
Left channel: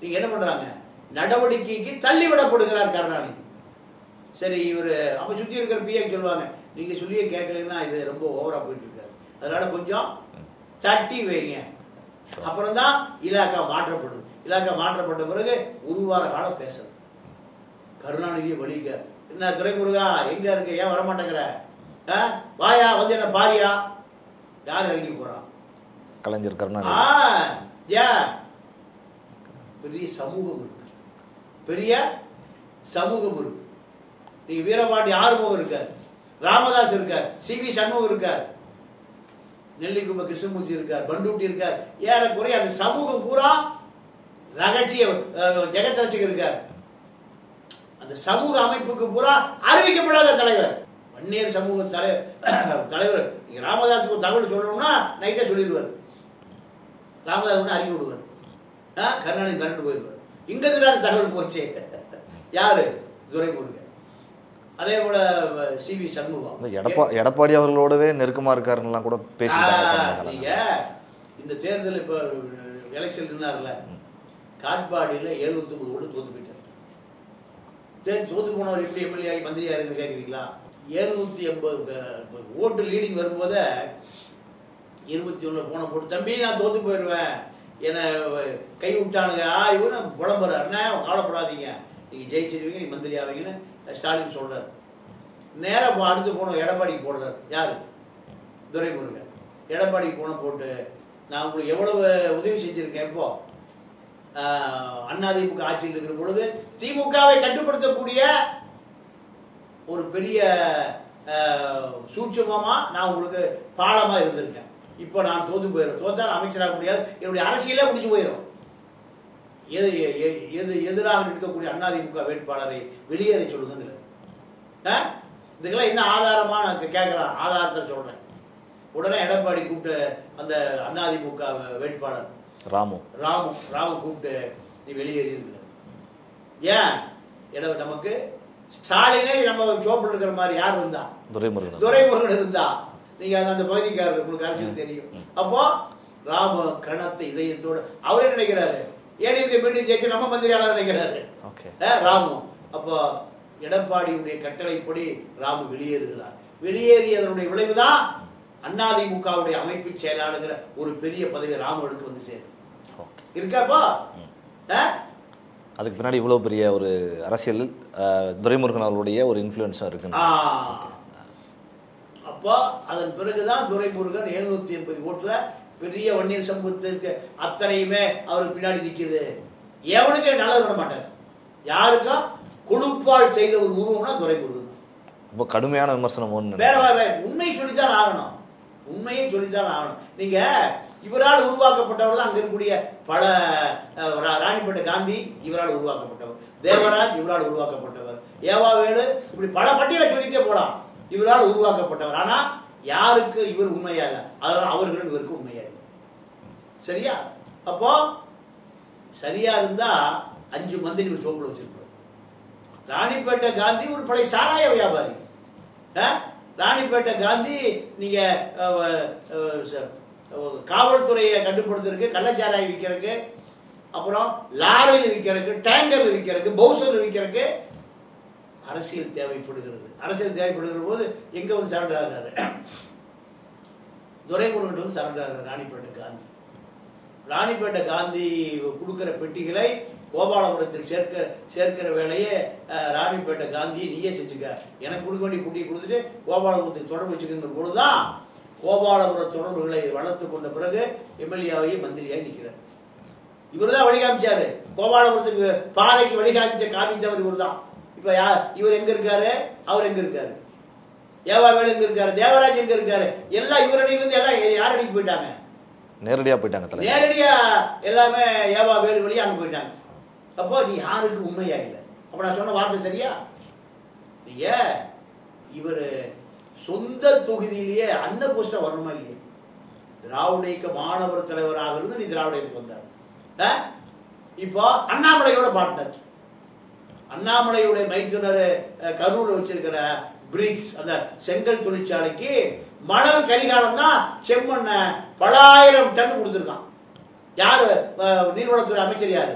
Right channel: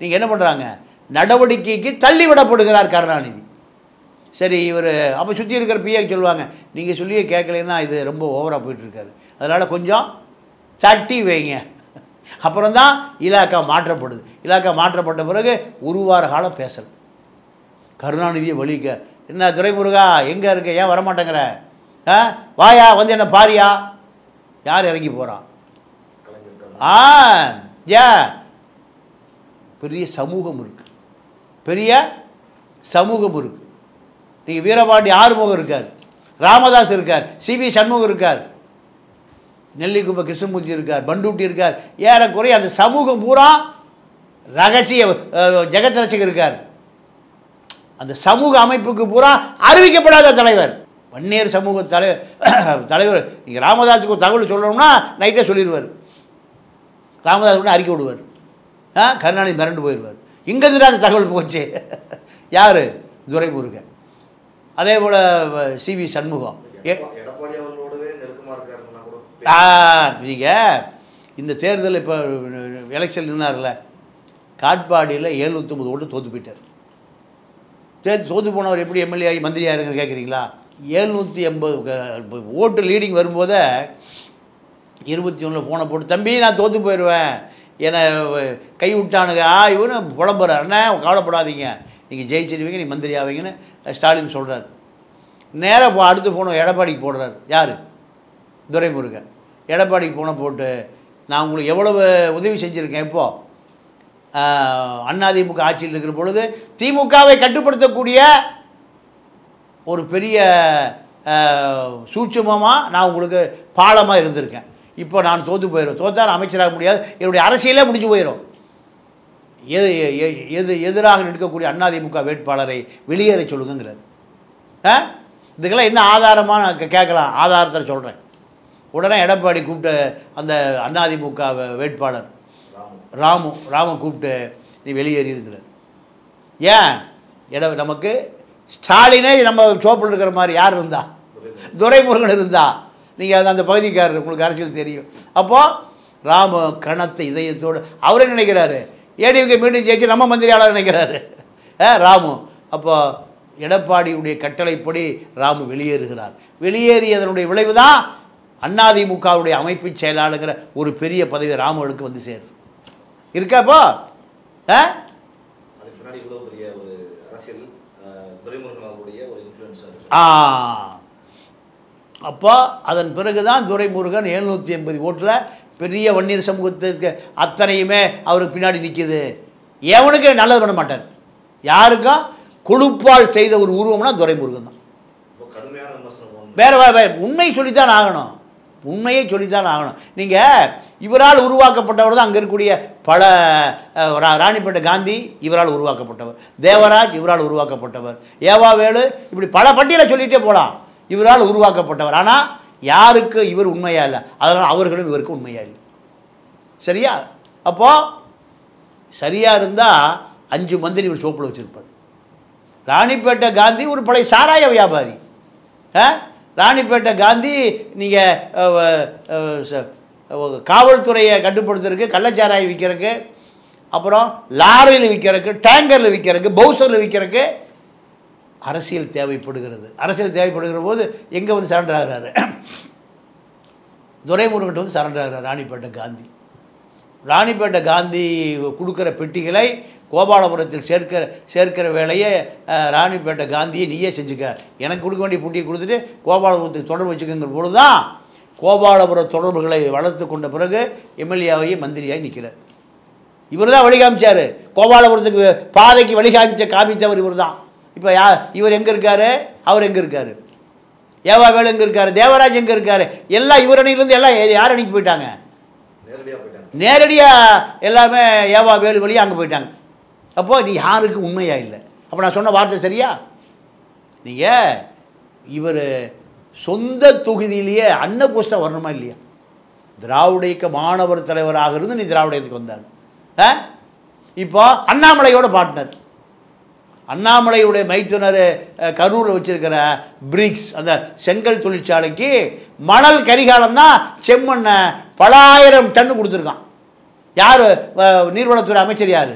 நீங்கள் என்ன பண்ணுறாங்க, நடவடிக்கைக்கு தள்ளிவிடப்படுகிறார் கருணாநிதி. சரி, இவர் அப்போ சுற்றி இருக்கிற பிஏ சொல்லுவாங்க, நீங்கள் சொல்லியே கேட்கலைன்னா இது ரொம்ப ஓவராக போயிட்டுருக்காரு, அதனால் கொஞ்சம் தட்டி வைங்க. அப்புறம் தான் இலாக்கா மாற்றப்படுது. இலாக்கா மாற்றப்பட்ட பிறகு ஒரு வார காலம் பேசல. கருணாநிதியை வலிக்க, என்ன துரைமுருகா எங்கே இருக்க, ஏன் வரமாட்டேங்கிற, வாயா வந்து என்ன பாரியா, யார் இறங்கி போகிறான், கலைஞர் கருணாநிதி. ஏன் பெரிய சமூகம் இருக்கு, பெரிய சமூகம் இருக்கு. நீங்கள் வீரபாண்டி ஆறுமுகம் இருக்கார், ராமதாஸ் இருக்கார், சிவி சண்முகம் இருக்கார், நெல்லிக்குப்ப கிருஷ்ணமூர்த்தி இருக்கார், பண்டூட்டி இருக்கார், ஏறக்குறைய அந்த சமூகம் பூரா ரகசிய ஜெகத் ரசிகர் இருக்கார். அந்த சமூக அமைப்புக்கு பூரா அறிவிக்கப்படாத தலைவர் வன்னியர் சமூக தலைவர். நீங்கள் ராமதாஸுக்கு ஒரு தகவல் சொல்லணும்னா நைட்டே சொல்லிடுவார். ராமதாஸ் கூட அறிக்கை விடுவார். கருணாநிதி மிரண்டு போயிடுவார். இங்கேருந்து அந்த தகவல் போச்சு. யார்? துரைமுருகன். அதே போல் சிவி சண்முகம், எடப்பாடி அவர்களோடவே நெருக்கமாக இருக்காருன்னெலாம் கூட. நீங்கள் இந்த தேர்தல் இப்போ எலெக்ஷன் நின்னார்ல, காட்பாடியில் 709 ஓட்டு தோற்று போயிட்டார். தோற்று போனவர் எப்படி எம்எல்ஏ ஆகி மந்திரி ஆயிருங்க கேட்குறீங்களா? 780 ஓட்டு லீடிங் வரும்போதே 21 ஃபோனை போட்டு, தம்பி நான் தோற்று போயிடுவேன், என்னை கை விட்டானுங்க, இவனு புலம்புறார், அண்ணா கவலைப்படாதீங்க, நீங்கள் ஜெயிச்சிருவீங்க, நீ மந்திரி ஆவீங்கன்னு ஸ்டாலின் சொல்கிறார். நேராக அடுத்து போனோம் எடப்பாடிக்கு போடுறார். யார்? துரைமுருகன். எடப்பாடிக்கு போன போட்டு, நான் உங்களுக்கு எவ்வளவு உதவி செஞ்சுருக்கேன். இப்போது அதிமுக ஆட்சியில் இருக்கிற பொழுது திமுகவை கட்டுப்படுத்தக்கூடிய ஒரு பெரிய சூட்சுமமாக நான் உங்களுக்கு பாலமாக இருந்திருக்கேன். இப்போ நான் தோற்று போயிடும், தோற்றா அமைச்சராக முடியாது, என்னுடைய அரசியலே முடிஞ்சு போயிடும். எதிராக நிற்கக்கூடிய அதிமுக வேட்பாளரை வெளியேற சொல்லுங்கிறார். இதுக்கெல்லாம் என்ன ஆதாரமாக நான் கேட்கலாம், ஆதாரத்தை சொல்கிறேன். உடனே எடப்பாடி கூப்பிட்டு அந்த அதிமுக வேட்பாளர் ராமு கூப்பிட்டு நீ வெளியேறியிருக்கிறார். ஏன் நமக்கு ஸ்டாலினே நம்ம சோப்பில் இருக்கிற மாதிரி யார் இருந்தா? துரைமுருகன் இருந்தா. நீங்கள் அந்த பகுதிக்காரர், உங்களுக்கு அரசியல் தெரியும். அப்போது ராமு கணத்த இதயத்தோடு அவரே நினைக்கிறாரு, ஏடிஎம்கே மீண்டும் ஜெயிச்சு நம்ம மந்திரியாளர் நினைக்கிறாரு ராமு. அப்போ எடப்பாடியுடைய கட்டளைப்படி ராமு வெளியேறுகிறார். வெளியேறியதனுடைய விளைவு தான் அதிமுகவுடைய அமைப்பு செயலாளருங்கிற ஒரு பெரிய பதவி ராமுவுக்கு வந்து சேரும். இருக்காப்போ அதுக்கு பின்னாடி இவ்வளோ பெரிய ஒரு அரசியல் துரைமுருகன் அவர்களுடைய ஒரு இன்ஃப்ளூயன்ஸாக இருக்கு. அப்போ அதன் பிறகுதான் துரைமுருகன் 780 ஓட்டில் பெரிய வன்னியர் சமூகத்துக்கு அத்தனையுமே அவருக்கு பின்னாடி நிற்கிது. எவனுக்கு நல்லது பண்ண மாட்டார். யாருக்கும் கொடுப்பால் செய்த ஒரு உருவம்னா துரைமுருகன் தான். ரொம்ப கடுமையான விமர்சனம். வேற உண்மை சொல்லித்தான் ஆகணும், உண்மையை சொல்லித்தான் ஆகணும். நீங்கள் இவரால் உருவாக்கப்பட்டவர் தான். அங்கே இருக்கக்கூடிய பல ராணிப்பேட்டை காந்தி இவரால் உருவாக்கப்பட்டவர், தேவராஜ் இவரால் உருவாக்கப்பட்டவர், ஏவாவேலு, இப்படி பல பட்டியலை சொல்லிகிட்டே போகலாம். இவரால் உருவாக்கப்பட்டவர். ஆனால் யாருக்கு இவர் உண்மையா இல்லை, அதனால் அவர்களும் இவருக்கு உண்மையா இல்லை. சரியா? அப்போது சரியாக இருந்தால் 5 மந்திரி இவர் சோப்பில் வச்சுருப்பார். ராணிப்பேட்டை காந்தி ஒரு பழைய சாராய வியாபாரி. ராணிப்பேட்டை காந்தி நீங்கள் காவல்துறையை கட்டுப்படுத்துறதுக்கு, கள்ளச்சாராயம் விற்கிறதுக்கு, அப்புறம் லாரியில் விற்கிறதுக்கு, டேங்கரில் விற்கிறதுக்கு, பவுசரில் விற்கிறதுக்கு அரசியல் தேவைப்படுகிறது. அரசியல் தேவைப்படுகிற போது எங்கே வந்து சரண்டர் ஆகிறாரு? துரைமுருகன் வந்து சரண்டர் ஆகிறார் ராணிப்பேட்டை காந்தி. ராணிப்பேட்டை காந்தி கொடுக்குற பெட்டிகளை கோபாலபுரத்தில் சேர்க்கிற வேலையை ராணிப்பேட்டை காந்தியை நீயே செஞ்சுக்க, எனக்கு கொடுக்க வேண்டிய பெட்டியை கொடுத்துட்டு கோபாலபுரத்துக்கு தொடர்பு வச்சுக்கிற பொழுது தான் கோபாலபுர தொடர்புகளை வளர்த்து கொண்ட பிறகு எம்எல்ஏவாகி மந்திரியாகி நிற்கிறார். இவர் தான் வழிகாமிச்சார். கோபாலபுரத்துக்கு பாதைக்கு காமித்தவர் இவர் தான். இப்போ இவர் எங்கே இருக்காரு, அவர் எங்கே இருக்காரு, ஏவாவேலு எங்கே இருக்காரு, தேவராஜ் எங்கே இருக்காரு, எல்லாம் இவர் அணியிலேருந்து எல்லாம் யார் அணிக்கு போயிட்டாங்க? நேரடியாக போயிட்டாங்க. நேரடியாக எல்லாமே ஏவாவேலு வழியாக அங்கே போயிட்டாங்க. அப்போது நீ யாருக்கு உண்மையா இல்லை? அப்போ நான் சொன்ன வார்த்தை சரியா? நீங்கள் இவர் சொந்த தொகுதியிலேயே அன்னபோஸ்டா வரணுமா இல்லையா? திராவிட இயக்க மாணவர் தலைவராக இருந்து நீ திராவிட இயக்கத்துக்கு வந்தார். இப்போ அண்ணாமலையோட பார்ட்னர், அண்ணாமலையுடைய மைத்துனர் கரூரில் வச்சிருக்கிற பிரிக்ஸ் அந்த செங்கல் தொழிற்சாலைக்கு மணல் கரிகாலம் தான் செம்மண்ணை பல ஆயிரம் டன் கொடுத்துருக்கான். யார்? நீர்வளத்துறை அமைச்சர் யார்?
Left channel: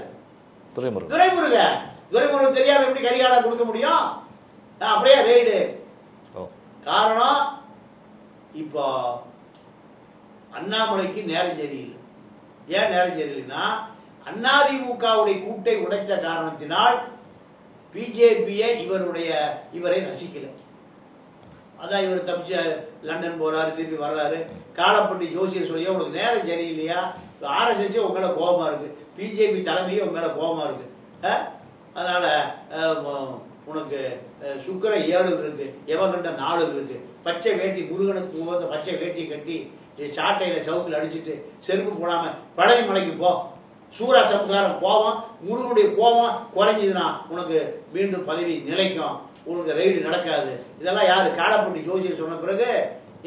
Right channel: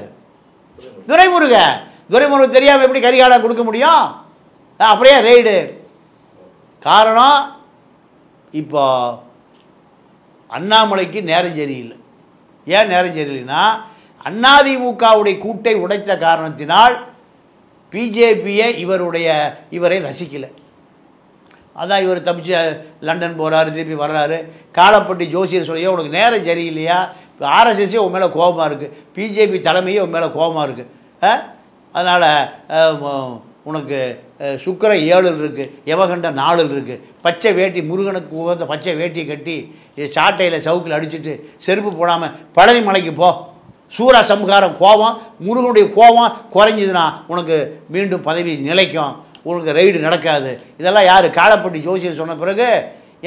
துரைமுருகன். துரைமுருகன் தெரியாமல் எப்படி கரிகாலம் கொடுக்க முடியும்? அப்படியே ரெய்டு. காரணம் இப்போ அண்ணாமலைக்கு நேரம் சரியில்லை. ஏன் நேரம் சரியில்லைன்னா அதிமுகவுடைய கூட்டை உடைத்த காரணத்தினால் பிஜேபியை இவரை ரசிக்கலை. அதான் இவர் தப்பிச்சு லண்டன் போகிறாரு, திருப்பி வர்றாரு. காலப்பட்டி ஜோசியர் சொல்லியோ உனக்கு நேரம் சரியில்லையா, ஆர்எஸ்எஸ்ஸே உன் மேலே கோபமாக இருக்குது, பிஜேபி தலைமையே உன் மேலே கோபமாக இருக்குது, அதனால் உனக்கு சுக்கிர 7 இருக்குது, யமகண்ட 4 இருக்குது, பச்சை வேட்டி முருகனுக்கு உகந்த பச்சை வேட்டி கட்டி சாட்டையில் சவுக்கில் அடிச்சுட்டு செருப்பு போடாமல் பழனி மலைக்கு போ, சூர சம்ஹாரம் கோபம் முருகனுடைய கோபம் குறைஞ்சிதுன்னா உனக்கு மீண்டும் பதவி நிலைக்கும், உனக்கு ரைடு நடக்காது. இதெல்லாம் யார்? காலப்பட்டி ஜோசியர் சொன்ன பிறகு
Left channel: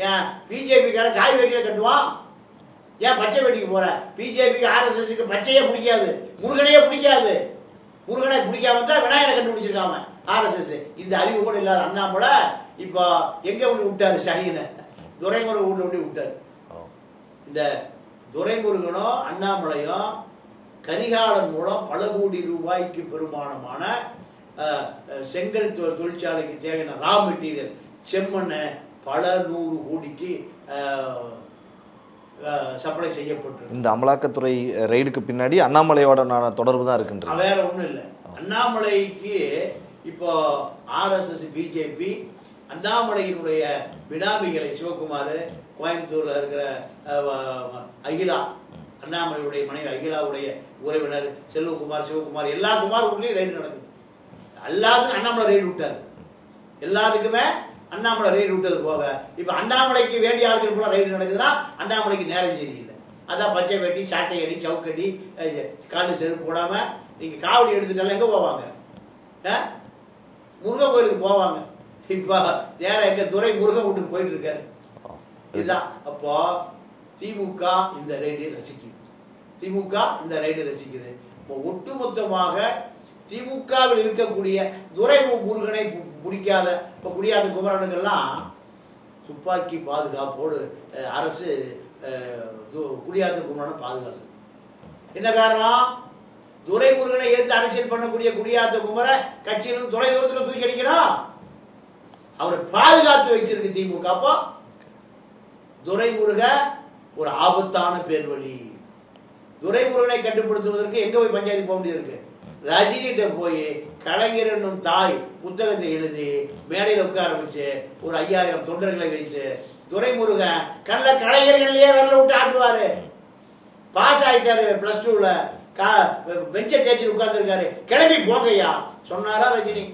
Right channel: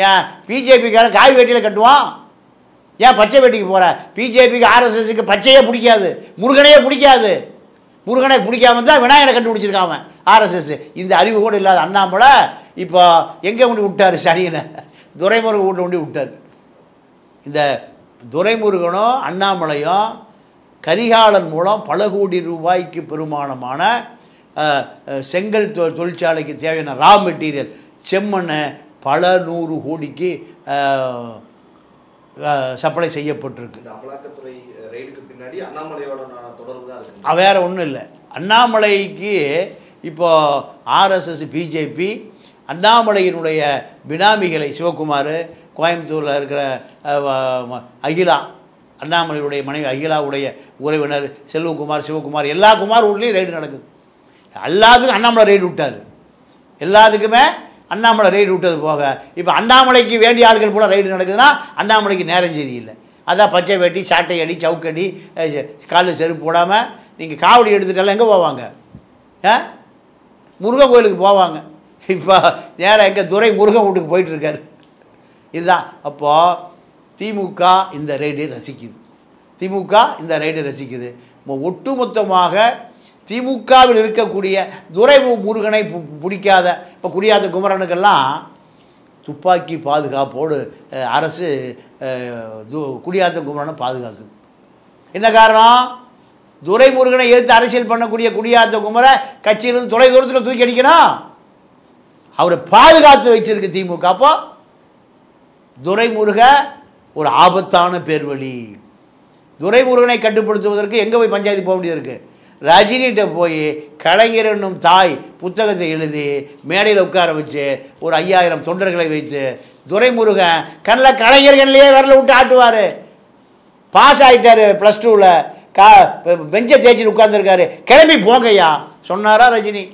ஏன் பிஜேபிக்காரன் காய் வேட்டியில் கட்டுவான்? ஏன் பச்சை வேட்டிக்கு போகிற? பிஜேபிக்கு ஆர்எஸ்எஸ்க்கு பச்சையே பிடிக்காது, முருகனையே பிடிக்காது. முருகனை பிடிக்காம தான் விநாயகனை கண்டுபிடிச்சிருக்காம ஆர்எஸ்எஸ். இந்த அறிவு கூட இல்லாத அண்ணாமலை இப்போ எங்கே கொண்டு விட்டார்? சனியனை துரைமுருகன் வீட்டை கொண்டு விட்டார். இந்த துரைமுருகனும் அண்ணாமலையும் கரிகாலன் மூலம் பல கோடி ரூபாய்க்கு பெருமானமான செங்கல் தொழிற்சாலைக்கு தேவையான ரா மெட்டீரியல் செம்மண்ணை பல 100 கோடிக்கு சப்ளை செய்யப்பட்டிருக்கு. இந்த அமலாக்கத்துறை ரெய்டுக்கு பின்னாடி அண்ணாமலையோட தொடர்பு தான் இருக்குன்ற வேற ஒன்றும் இல்லை. அண்ணாமலைக்கு இப்போ ஆர்எஸ்எஸ் பிஜேபி அண்ணாமலையினுடைய பினாமிகளை சிவகுமார், கோயம்புத்தூரில் இருக்கிற அகிலா, அண்ணாமலையுடைய மனைவி அகிலாவுடைய உறவினர் செல்வகுமார், சிவகுமார், எல்லா குமார் ஊர்லேயும் ரைடு நடக்குது. எல்லாத்துக்கும் அண்ணாமலை ரைடு விட்டார். எல்லாத்துக்குமே அண்ணாமலை ரைடு விட்டது போக இப்போ அண்ணாமலைக்கு வேண்டிய ஆட்கள் கூட ரைடு நடக்குதுன்னா அண்ணாமலைக்கு நேரம் சரியில்லை. அதான் பச்சை வேட்டி, சாட்டை அடி, சவுக்கடி, காலில் செருப்பு போடாமல் நீங்கள் காவடி எடுத்துட்டாலும் எங்கே போவாங்க? முருகன் கோயிலுக்கு போவாங்க. இப்போ நேராக எங்கள் துரை முருகன் வீட்டுக்கு போயிட்டுருக்காரு. இதுதான். அப்போது திமுக இந்த ரைடை ரசிக்குது. திமுக இந்த ரைடை ரசிக்குது. ஒட்டுமொத்தமாக திமுகவில் இருக்கக்கூடிய துரை முருகனை பிடிக்காத இப்போ குடியாத்த குமரனுக்கெல்லாம் துப்பாக்கி பாதுகாப்போடு அரசு குடியாத்த குமரனை பாதுகாக்குது. என்ன காரணம்? துரைமுருகனை எதிர்த்து அரசியல் பண்ணக்கூடிய குடியாத்த குமர கட்சியிலிருந்து தொலை தூரத்தில் தூக்கி அடிக்கணும். அவரை பாதுகாத்து வச்சிருக்கு திமுக. அப்போ துரைமுருக ஒரு ஆபத்தான பேர்வழி. துரைமுருகனை கட்டுப்படுத்துவதற்கு எங்கே போய் பஞ்சாயத்து போக வேண்டியது இருக்குது? ரஜினிகிட்ட போய் கலைஞர் என்னும் தாய் புத்தகத்தை எழுதி மேடையில் உட்கார வச்சு ஒரு 5000 தொண்டர்களை வைத்து துரைமுருகன் கண்ணில் கலைஞர்கள்லேயே விரல விட்டு ஆட்டுவார். பாஸ் ஆகிட்டார் +2ல் பெஞ்சை தேய்ச்சின்னு உட்கார்ந்துருக்காரு. கிளம்பி போங்கய்யா சொன்னாரா ரஜினி?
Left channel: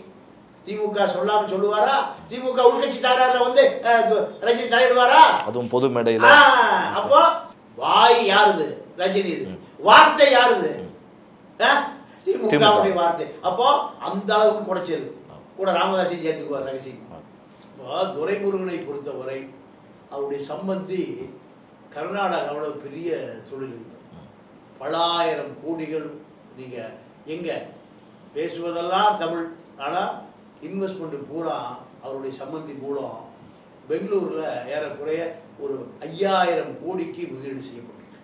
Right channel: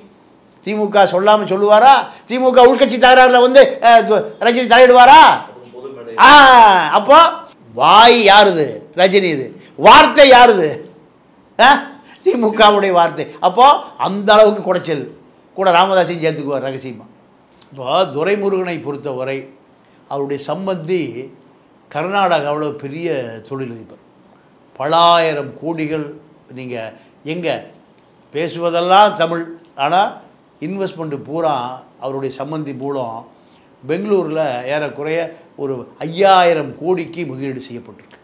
திமுக சொல்லாமல் சொல்லுவாரா? திமுக உள்கட்சி தகராறுல வந்து ரஜினி தலையிடுவாரா? அதுவும் பொது மேடை. அப்போ வாய் யாருது? ரஜினி. இது வார்த்தை யாருது? திமுகவுடைய வார்த்தை. அப்போ அந்த அளவுக்கு குடைச்சல். கூட ராமதாஸையும் சேர்த்துக்குவார் ரகசியமாக. இப்போ துரைமுருகனை பொறுத்தவரை அவருடைய சம்பந்தி கர்நாடகாவில் பெரிய தொழிலதிபர். பலாயிரம் கோடிகள். நீங்கள் எங்கே பேசுவதெல்லாம் தமிழ், ஆனால் இன்வெஸ்ட்மெண்ட்டு பூரா அவருடைய சம்பந்தி மூலம் பெங்களூரில் ஏறக்குறைய ஒரு 5000 கோடிக்கு முதலீடு செய்யப்பட்டிருக்கு.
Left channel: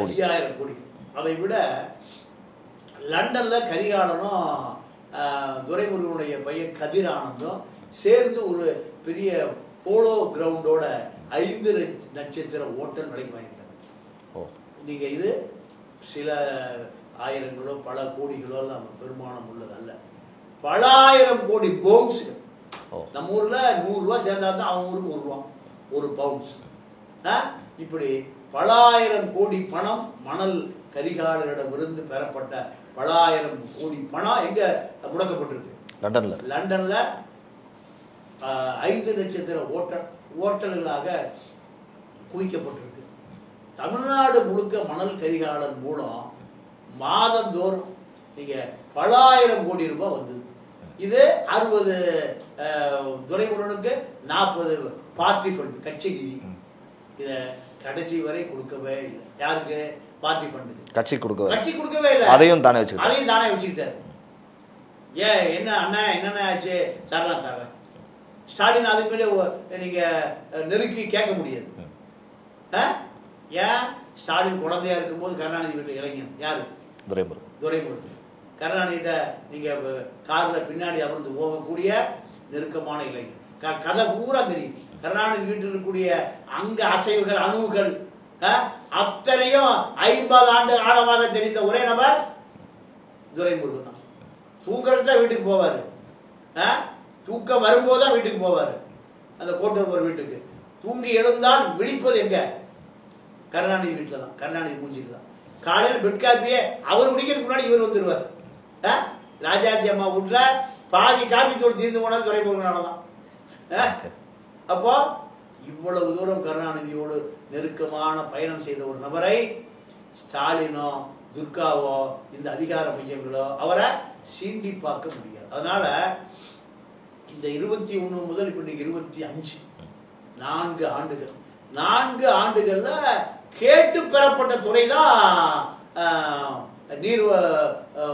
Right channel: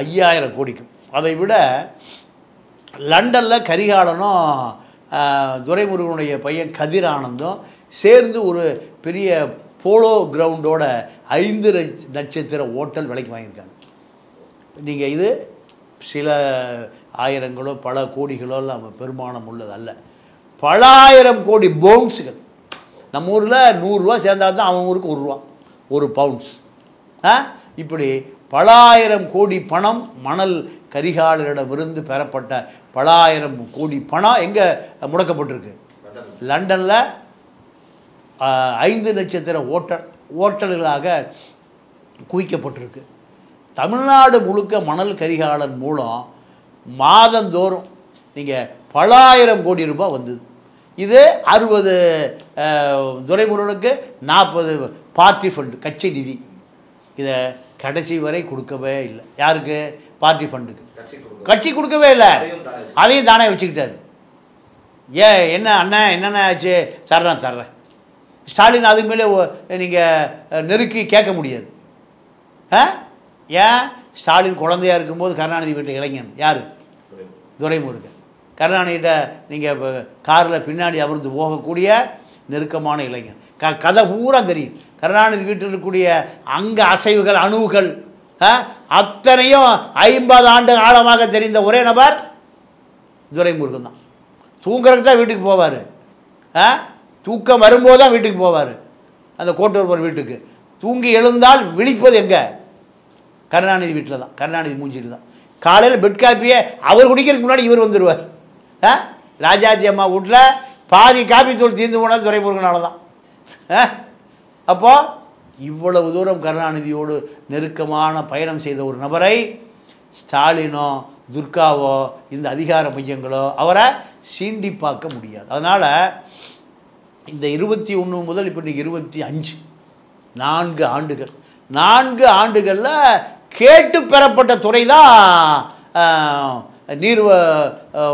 5000 கோடிக்கு. அதை விட லண்டனில் கரிகாலனும் துரைமுருகனுடைய பையன் கதிர் ஆனந்தும் சேர்ந்து ஒரு பெரிய போலோ கிரவுண்டோட 5 நட்சத்திர ஹோட்டல் விலைக்கு வாங்கியிருக்காங்க. நீங்கள் இது சில ஆயிரங்களோ பல கோடிகளோ நம்ம பெருமானம் உள்ளது அல்ல. பலாயிரம் கோடி பவுன்ஸுகள். நம்ம ஊரில் 100 ரூபா சேர்ந்தா தான் அவன் ஊருக்கு 1 ரூபா, 1 பவுன்ஸ். இப்படி பலாயிரம் கோடி பணம் மணல் கரிகாலனிடமிருந்து பெறப்பட்ட பலாயிரம் கோடி பணம் எங்கே முடக்கப்பட்டிருக்கு? லண்டனில் 5 நட்சத்திர ஓட்டல்களாக குவிக்கப்பட்டிருக்கு. தமிழ்நாடு முழுக்க மணல் கரிகாலன் மூலம் மாதந்தோறும் நீங்கள் பலாயிரம் கோடி ரூபாய் வந்தது. இது 60 துரைமுருகனுக்கு 40 பார்ட்டி ஃபண்டு, கட்சி நிதி. இதை கடைசி வரை கொடுக்கவே இல்லை. யாருக்கு? பார்ட்டி ஃபண்டுக்கு. கட்சி கொடுக்கவே இல்லை. அதையும் தானே வச்சுக்கிட்டாரு. என்ன அண்ணன் என்னென்ன ஆச்சு? தர்றேன். ஸ்டாலின் அதுக்கு மேலே நீங்கள் நெருக்கி கேட்க முடியாது. ஏன்? ஸ்டாலின் குழந்தையாக இருக்கும்போது கருணாநிதி வீட்டு இளைஞன் யார்? துரைமுருகன். கருணாநிதியிட்ட நீங்கள் காரில் பின்னாடி அமர்ந்து போகக்கூடிய நெருக்கமான இளைஞன். கதை பூரா தெரியும். கருணாநிதி வீட்டில் இருக்கக்கூடிய அங்கே அசைவுகள், அணுவுகள், அத்தனையும் 50 ஆண்டு ஆழமாக தெரிந்த ஒரே நபர் துரைமுருகன் தான். தூங்குறதுக்கு தான் வீட்டுக்கு போவார், தூக்கம் வரும்போது தான் வீட்டுக்கு போவார், அந்த கோட்டூர் போகிற வீட்டுக்கு. தூங்கி எழுந்தால் விழிப்பது எங்கே? கருணாநிதி வீட்டில் தான், கருணாநிதி மூஞ்சிட்டு தான். காலையில் பெட் காப்பியை அவர் குடிக்கிறதுக்கு முன்னாடி இவர் வந்துடுவார். ராஜாஜி அம்மா வீட்டில் பாதி காப்பி தூள் தீர்ந்து போனால் துரைமுருகனால தான். அப்போது இவ்வளவு தூரம் கருணாநிதியோடு நெருக்கமான பயணம் செய்த ஒரு நபரை ஸ்டாலினோ துர்காவோ இந்த அதிகார மையங்களோ அவரை சீண்டி பார்க்க முடியாது. அதனால் இந்த 21 முதல் இப்போ இன்றைக்கி 25 4 ஆண்டுகள், 4 ஆண்டுகளில் கேட்டு பெறப்பட்ட துறை தான் நீர்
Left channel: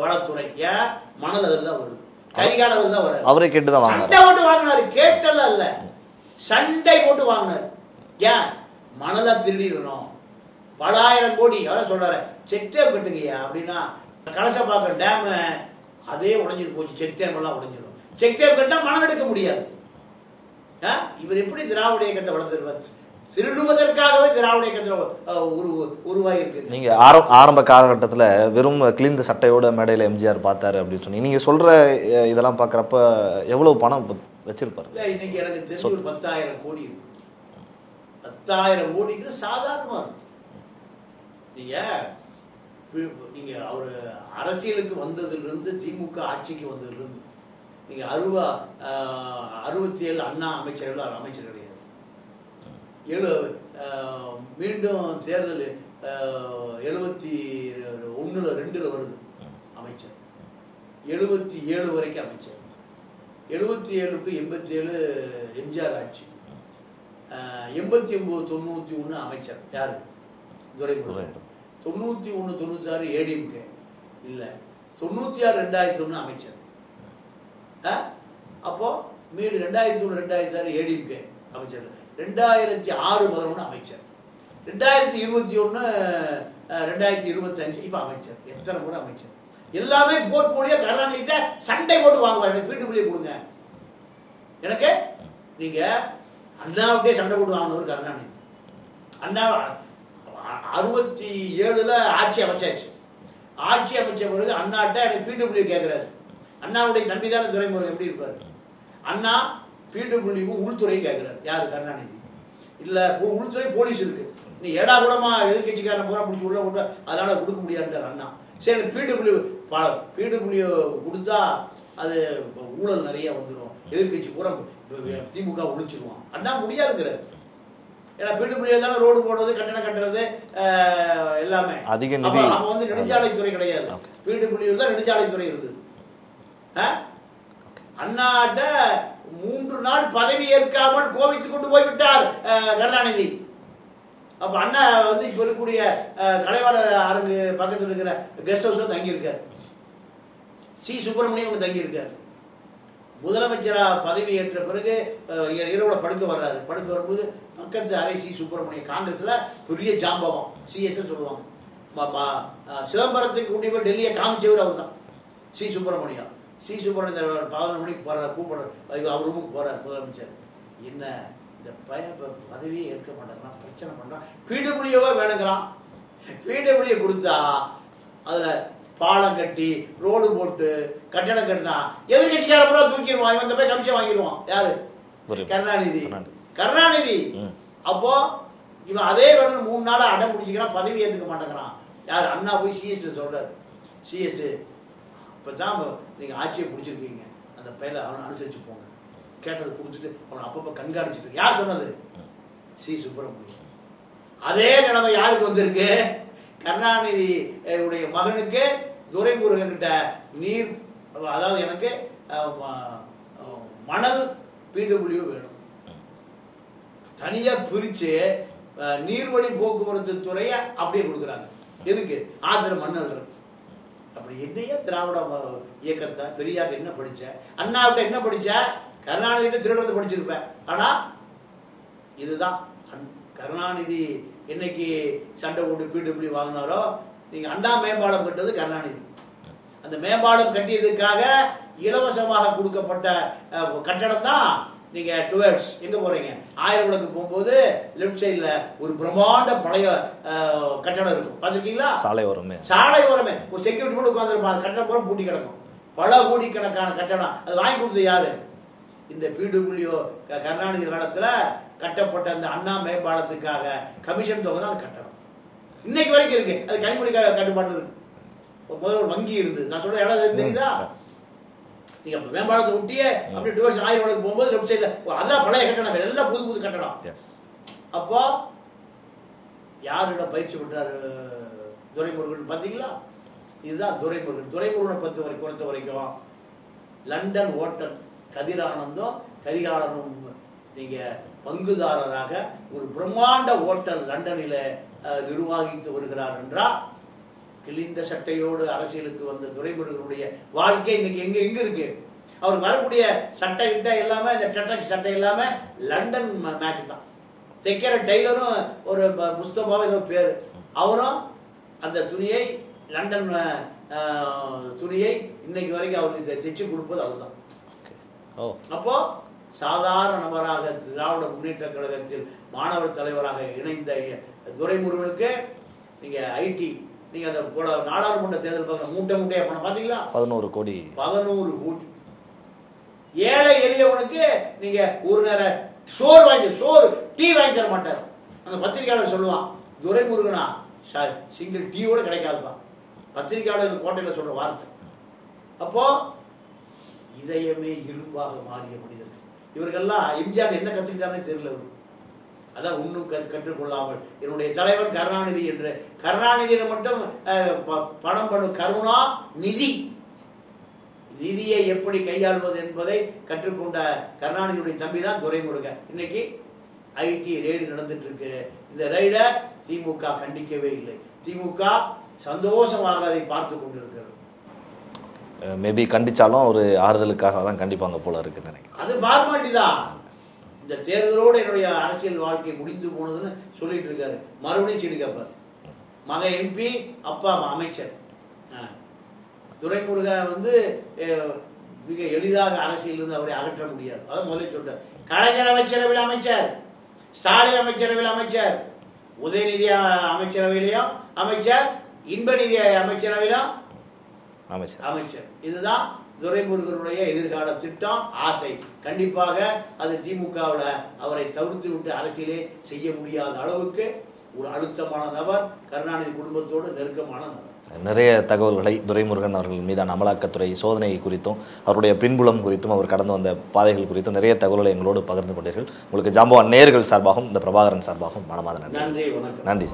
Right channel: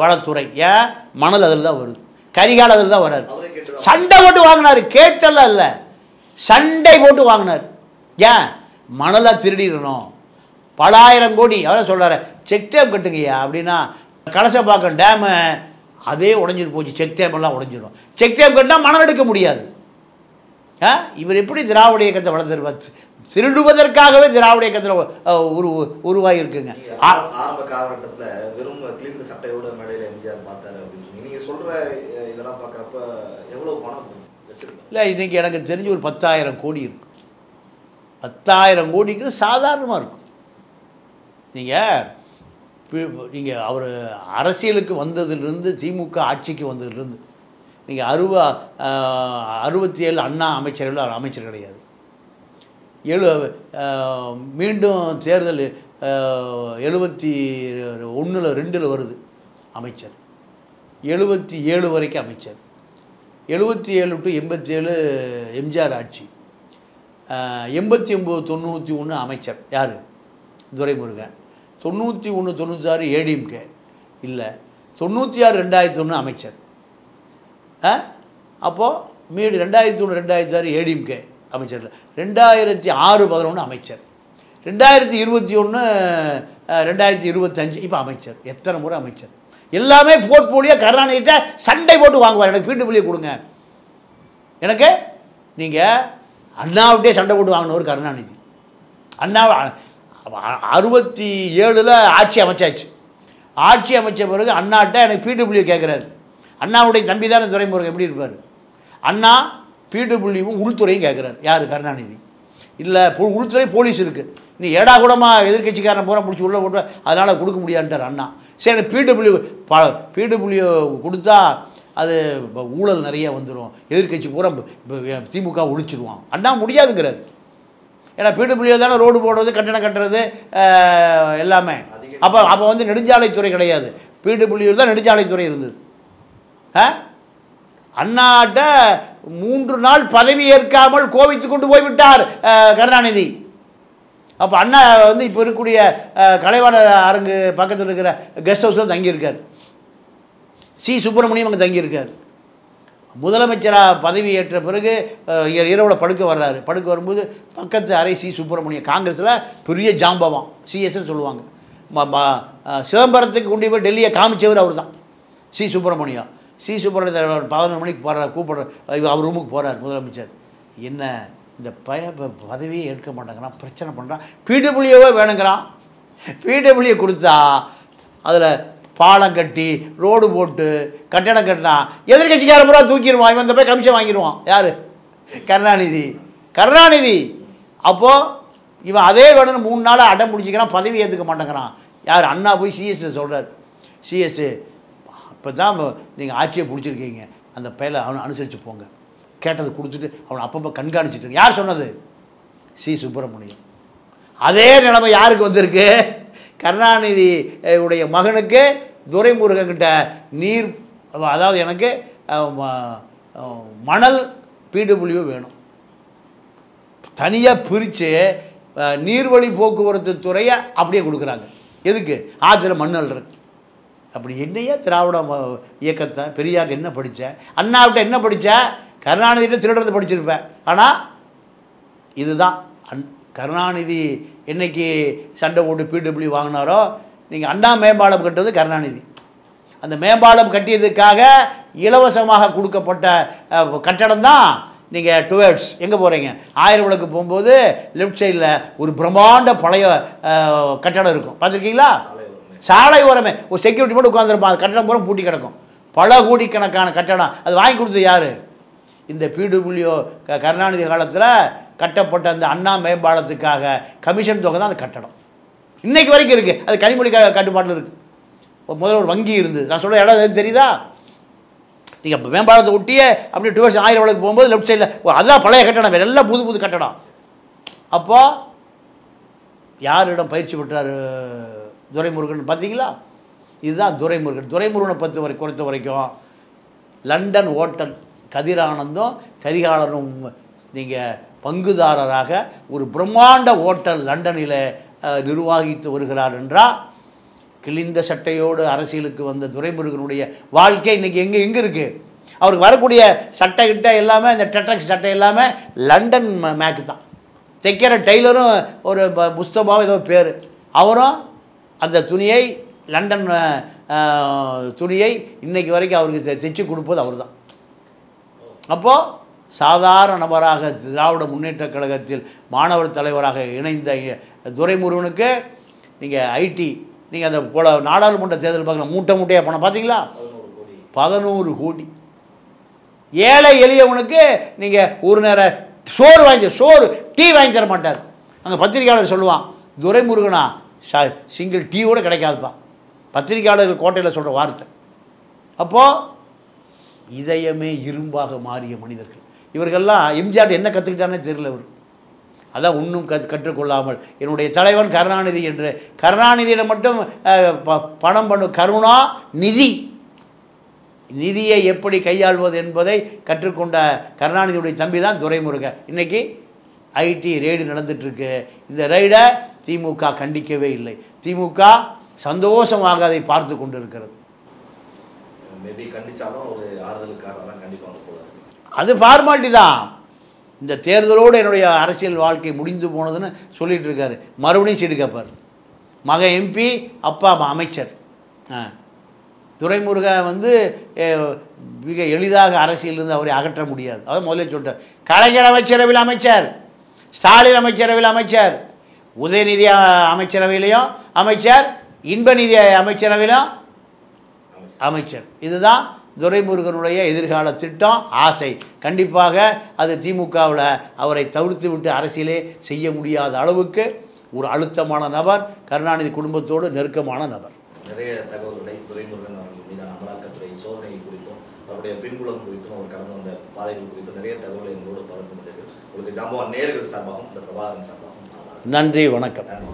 வளத்துறை. ஏன்? மணல் அதில் தான் வருது, கரிகால் அதில் தான் வராது. அவரே கேட்டு தான் சண்டை போட்டு வாங்கினார். கேட்டெல்லாம் இல்லை, சண்டை போட்டு வாங்கினார். ஏன்? மணலாக திருடிடணும், பல ஆயிரம் கோடி. அவரை சொல்கிறார் செக் டேம் கட்டுங்கய்யா அப்படின்னா, கலசப்பாக்கம் டேமு அதே உடஞ்சிட்டு போச்சு, செக் டேம் எல்லாம் உடஞ்சிடும். செக் டேம் கட்டினா மணல் எடுக்க முடியாது. இவர் எப்படி திராவிட இயக்கத்தை வளர்ந்துருவார்? திருடுவதற்காகவே திராவிட இயக்கத்தில் உருவாகி இருக்குங்க. நீங்கள் ஆரம்ப காலகட்டத்தில் வெறும் கிழிந்த சட்டையோட மேடையில் எம்ஜிஆர் பார்த்தாரு அப்படின்னு சொன்னீங்க. நீங்கள் சொல்கிற இதெல்லாம் பார்க்குறப்ப எவ்வளோ பணம் வச்சிருப்பாரு? இல்லை, இன்றைக்கி எனக்கு தெரிஞ்சு ஒரு 10,000 கோடி இருக்கு. 10,000 கோடிங்கிறது சாதாரணமாக இருக்கும். நீங்கள் அவர் அரசியலுக்கு வந்ததுலேருந்து, திமுக ஆட்சிக்கு வந்ததுலேருந்து, நீங்கள் 67 அண்ணா அமைச்சர்கள், அவர் அமைச்சர் கிடையாது. மீண்டும் தேர்தல் 71 2 வருது அமைச்சர், 77 வரைக்கும் அமைச்சர், 77 to 87 எம்ஜிஆர் ஆட்சி, 89 91 அமைச்சர் யார்? துரைமுருகன். 91 96 ஏடிஎம்கே இல்லை, 96 2001 அமைச்சர். அப்போது மீடு 2001 2006 ஏடிஎம்கே அமைச்சர் இல்லை, 2006 11 அமைச்சர், 2021 2025 இப்போ அமைச்சர். எத்தனை முறை அமைச்சர்? எல்லாமே போர்ட்போலியோ கருணாநிதிட்ட சண்டை போட்டு வாங்குவார். எனக்கு பீட்டுப்புள்ளியை கொடுங்க, எனக்கு நீங்கள் அண்ணாவிட்டே சண்டை போட்டு வாங்கினவர் கருணாநிதி. அண்ணா 67 ஆட்சி அமைச்சாச்சு. ஆட்சி அமைச்ச பிறகு அண்ணாட்ட எனக்கு பீட்டுப்புள்ளியை கேட்குறாரு. அண்ணாவுடைய தம்பி தானே துரைமுருகன், எப்படி இருப்பார்? அண்ணா பீட்டுப்புள்ளியும் உள்துறையும் கேட்குறாரு. யார்? கருணாநிதி. இல்லை, உள்துறை போலீஸ் இருக்குது, நீ ஏடா கூடமாக எதிர்கட்சிக்காரன் பூரா பிடிச்சி உள்ளே போட்டு அதனால் கொடுக்க முடியாதுன்றார் அண்ணா. சரி, பீட்டுப்புள்ளியை கொடுத்தா அது ஊழல் நிறைய வந்துடும், எதிர்கட்சி பூரா திமுக ஒழிச்சிடுவான். அண்ணா முடியாதுங்கிறார். ஏன்னா பீட்டுப்புள்ளியில் தானே ரோடு போடுறது, கட்டணம் கட்டுறது எல்லாமே. அப்போ வந்து நெடுஞ்சாலைத்துறை கிடையாது, பீட்டுப்புள்ளியில் தான் நெடுஞ்சாலைத்துறை இருந்தது. அண்ணாட்ட 3 நாள் பதவி ஏற்காமல் கோபித்து கொண்டு போய்விட்டார் கருணாநிதி. அப்போ அண்ணா வந்து இப்போ இருக்கக்கூடிய கலைவாண அரங்கு பக்கத்தில் இருக்கிற கெஸ்ட் ஹவுஸில் தங்கியிருக்கார். சி சுப்பிரமணியம் அங்கே தங்கியிருக்கார். முதலமைச்சராக பதவி ஏற்ற பிறகு இரவில் படுக்க வர்றாரு. படுக்க வரும்போது பக்கத்து அறை சி சுப்பிரமணியம், காங்கிரஸில் பெரிய ஜாம்பவான், சிஎஸ்ன்னு சொல்லுவாங்க. சிதம்பரத்துக்கு கொண்டு போய் டெல்லியை காமிச்சவர் அவர் தான், சி சுப்பிரமணியம். சி சுப்பிரமணியம் 11 மணிக்கு போகிறார், கூப்பிட்ற அவர் ரூமுக்கு போகிறார் முதலமைச்சர். என்ன இந்த பதவியே ஏற்க மாட்டேங்கிறான், பிரச்சனை பண்ணுறான், பீட்டுப்புள்ளியவே வேணுங்கிறான். பீட்டுப்புள்ளியை கொடுத்தா அதில் பாலம் கட்டி ரோடு போட்டு கட்டணம் கட்டினா எதிர்கட்சிக்கார பூரா தூக்கிடுவான், இவன் இந்த போய் கமிஷன் வாங்கிடுவான். யார்? கருணாநிதி. அப்போது இவன் அதே வேணும்னு 3 நாளாக அடம் பிடிச்சிக்கிறான், பதவி ஏற்றுக்க மாட்டேங்கிறான். யார்? அண்ணா போய் சிஎஸ் சொல்கிறார். சிஎஸ் இப்போ தான் நீங்கள் ஆட்சியை பிடிச்சிருக்கீங்க, அந்த பையனை அவனை அனுசரித்து போங்க, கேட்டதை கொடுத்துட்டு அவனை அப்பப்போ கண்காணிச்சுட்டு. யார் சொன்னது? சி சுப்பிரமணியம். அதே நிலைமை யாருக்கு வந்திருக்கு? கருணாநிதி உடைய மகனுக்கு துரைமுருகன்கிட்ட நீர், அதாவது எனக்கு மணல் பீடுபுள்ளியோ வேணும், தனியாக பிரித்து நீர்வழி போக்குவரத்து துறையை அப்படியே கொடுக்குறாங்க. எதுக்கு? ஆற்றுல மண்ணல் இருக்கு. அப்படி என்னையா திராவிட இயக்கத்தை? பெரியார் என்ன படித்த, அண்ணாவிட்ட என்ன படித்த, கருணாநிதிட்ட திருடுறது படிச்சிருப்பேன். ஆனால் இதுதான் கருணாநிதி என்னைக்கு சண்டை போட்டு பீடபிள்யூ வாங்கினாரோ, நீங்கள் அண்ணா மேம்பாலம் கட்டுறது கருணாநிதி. அந்த மேம்பாலம் கட்டியதுக்காக இலவசமாக கொடுக்கப்பட்ட கட்டடம் தான் நீங்கள் டுவர்ட்ஸ் எங்கே போகிறீங்க, 1000 விளக்கு போகும்போது லெஃப்ட் சைடில் ஒரு பிரம்மாண்ட பழைய கட்டடம் இருக்கும், பார்த்துருக்கீங்களா? சாலை ஓரமே ஒரு செக்யூரிட்டி மட்டும் உட்காந்துருப்பான், அது கட்டடம் பூரா பூட்டி கிடக்கும். பல கோடிக்கணக்கான கட்டடம். அது வாங்கி கொடுத்தது யார்? இந்த பிடபிள்யூ கருணாநிதி காலத்தில் கட்டப்பட்ட அந்த அண்ணா மேம்பாலத்துக்காக கமிஷன் தொகை தான் அந்த கட்டடம் இன்னைக்கு வரைக்கும் இருக்குது. அது கனிமொழி கட்டுப்பாட்டில் இருக்குது. முதல்ல ஒரு வங்கி இருந்து, நான் சொல்ல இடம் எதுவும் தெரியுதா? நீங்கள் இப்போ மேம்பாலத்தை ஒட்டியே அப்படி டுவர்ட்ஸ் 1000 விளக்கு போகும்போது லெஃப்ட் சைடில் அதுதான் பழைய கட்டடம், வேறு எல்லாம் புது புது கட்டடம். அப்போ யாரிடம் பயிற்சி பெற்றார் துரைமுருகன் பார்த்தீங்களா? இதுதான் துரைமுருகன். துரைமுருகனை பொறுத்த வரைக்கும் லண்டன் ஓட்டல் கதிரானந்தும் கரிகாலனும் நீங்கள் பங்குதாரராக ஒரு பிரம்மாண்ட ஓட்டல் லண்டனில் நிர்வாகித்து வருகிறார் என்றால், கிழிந்த சட்டையோடு அரசியலுக்கு வந்த துரைமுருகனுடைய வாழ்க்கை இன்னைக்கு எங்கே இருக்குது? அவருக்கு வரக்கூடிய சட்டை கிட்ட எல்லாமே இந்த டெட்ரக்ஸ் சட்டை எல்லாமே லண்டன் மேக்கு தான். தைக்கிற டெய்லரும் ஒரு முஸ்தபாவும் ஏதோ பேர், அவரும் அந்த துணியை லண்டன் துணியை இன்னைக்கு வரைக்கும் அவருக்கு தைச்சு கொடுப்பது அவர் தான். அப்போது சாதாரண நபராக திராவிட முன்னேற்ற கழகத்தில் மாணவர் தலைவராக இணைந்த துரைமுருகனுக்கு நீங்கள் ஐடி, நீங்கள் அந்த போல நாடாளுமன்ற தேர்தல் பார்க்கலாம், மூட்டையாக போன பார்த்தீங்களா? 11 கோடி. ஏழை எளியவனுக்கு நீங்கள் ஒரு நேரம் சோறு டீ வாங்கி தர மாட்டார். அங்கே பத்திரிகையாளர் சொல்லுவான், துரைமுருகனா சிங்கிள் டீ கூட கிடைக்காதுப்பா. பத்திரிகையாளர்கள் கோட்டையில் சொல்கிற வார்த்தை. அப்போது இதயமே இரும்பாக மாறிய மனிதர்கள் இவர்கள்லாம். எம்ஜிஆர் என்ன கற்றுக்கிட்டானே தெரியல. இவர் அதான் இன்னும் கற்றுக்கொள்ளாமல் என்னுடைய தலைவன் கருணாநிதி என்று கருணாநிதியில் மட்டும் பணம் பண்ணும் கருணா நிதியை எப்படி கையாள்வது என்பதை கற்றுக்கொண்ட கருணாநிதியுடைய தம்பி தான் துரைமுருகன். இன்னைக்கு ஐடி ரெய்டு நடந்துட்டுருக்கு. இந்த ரெய்டை திமுக கண்டிக்கவே இல்லை. திமுக சந்தோஷமாக அதை பார்த்து கொண்டு இருக்கிறது. மேபி கண்டிச்சாலும் ஒரு ஆறுதலுக்காக தான் கண்டிப்பாங்க போல இருக்குன்னு நினைக்கிறேன். அது ஃபார்மாலிட்டி தான். இந்த தேர்தலோடு என்னுடைய அரசியல் வாழ்க்கை முடிந்து போனதுன்னு சொல்லிட்டு இருக்காரு. மறுபடியும் சீடு கேட்பார். மகன் எம்பி, அப்பா அமைச்சர். துரைமுருகன் மிக எளிதாக அரசியலிருந்து அவரை அகற்ற முடியாது. அதை முதல்ல சொல்லிட்டார். கலைஞர் அமைச்சரவையில் அமைச்சர், ஸ்டாலின் அமைச்சரவையில் அமைச்சர், உதயநிதி அமைச்சரவையிலையும் அமைச்சர், இன்பநிதி அமைச்சரவையிலும் அமைச்சர். இதுதான் துரைமுருகனுடைய எதிர்கால திட்டம், ஆசை. கண்டிப்பாக அது திமுகவில் அவரை தவிர்த்து விட்டு அரசியலே செய்ய முடியாத அளவுக்கு ஒரு அழுத்தமான நபர், கருணாநிதி குடும்பத்தோடு நெருக்கமான நபர். நிறைய தகவல்களை துரைமுருகன் அவர்கள் மீதான அமலாக்கத்துறை சோதனை குறித்தும் அவருடைய பின்புலம் குறித்தும் அவர் கடந்து வந்த பாதைகள் குறித்தும் நிறைய தகவல்களை எங்களோடு பகிர்ந்து கொண்டீர்கள். உங்களுக்கு ஜாம்பவான் நேயர்கள் சார்பாகவும் இந்த பிரபாகரன் சார்பாகவும் மனமார்ந்த நன்றி. வணக்கம். நன்றி.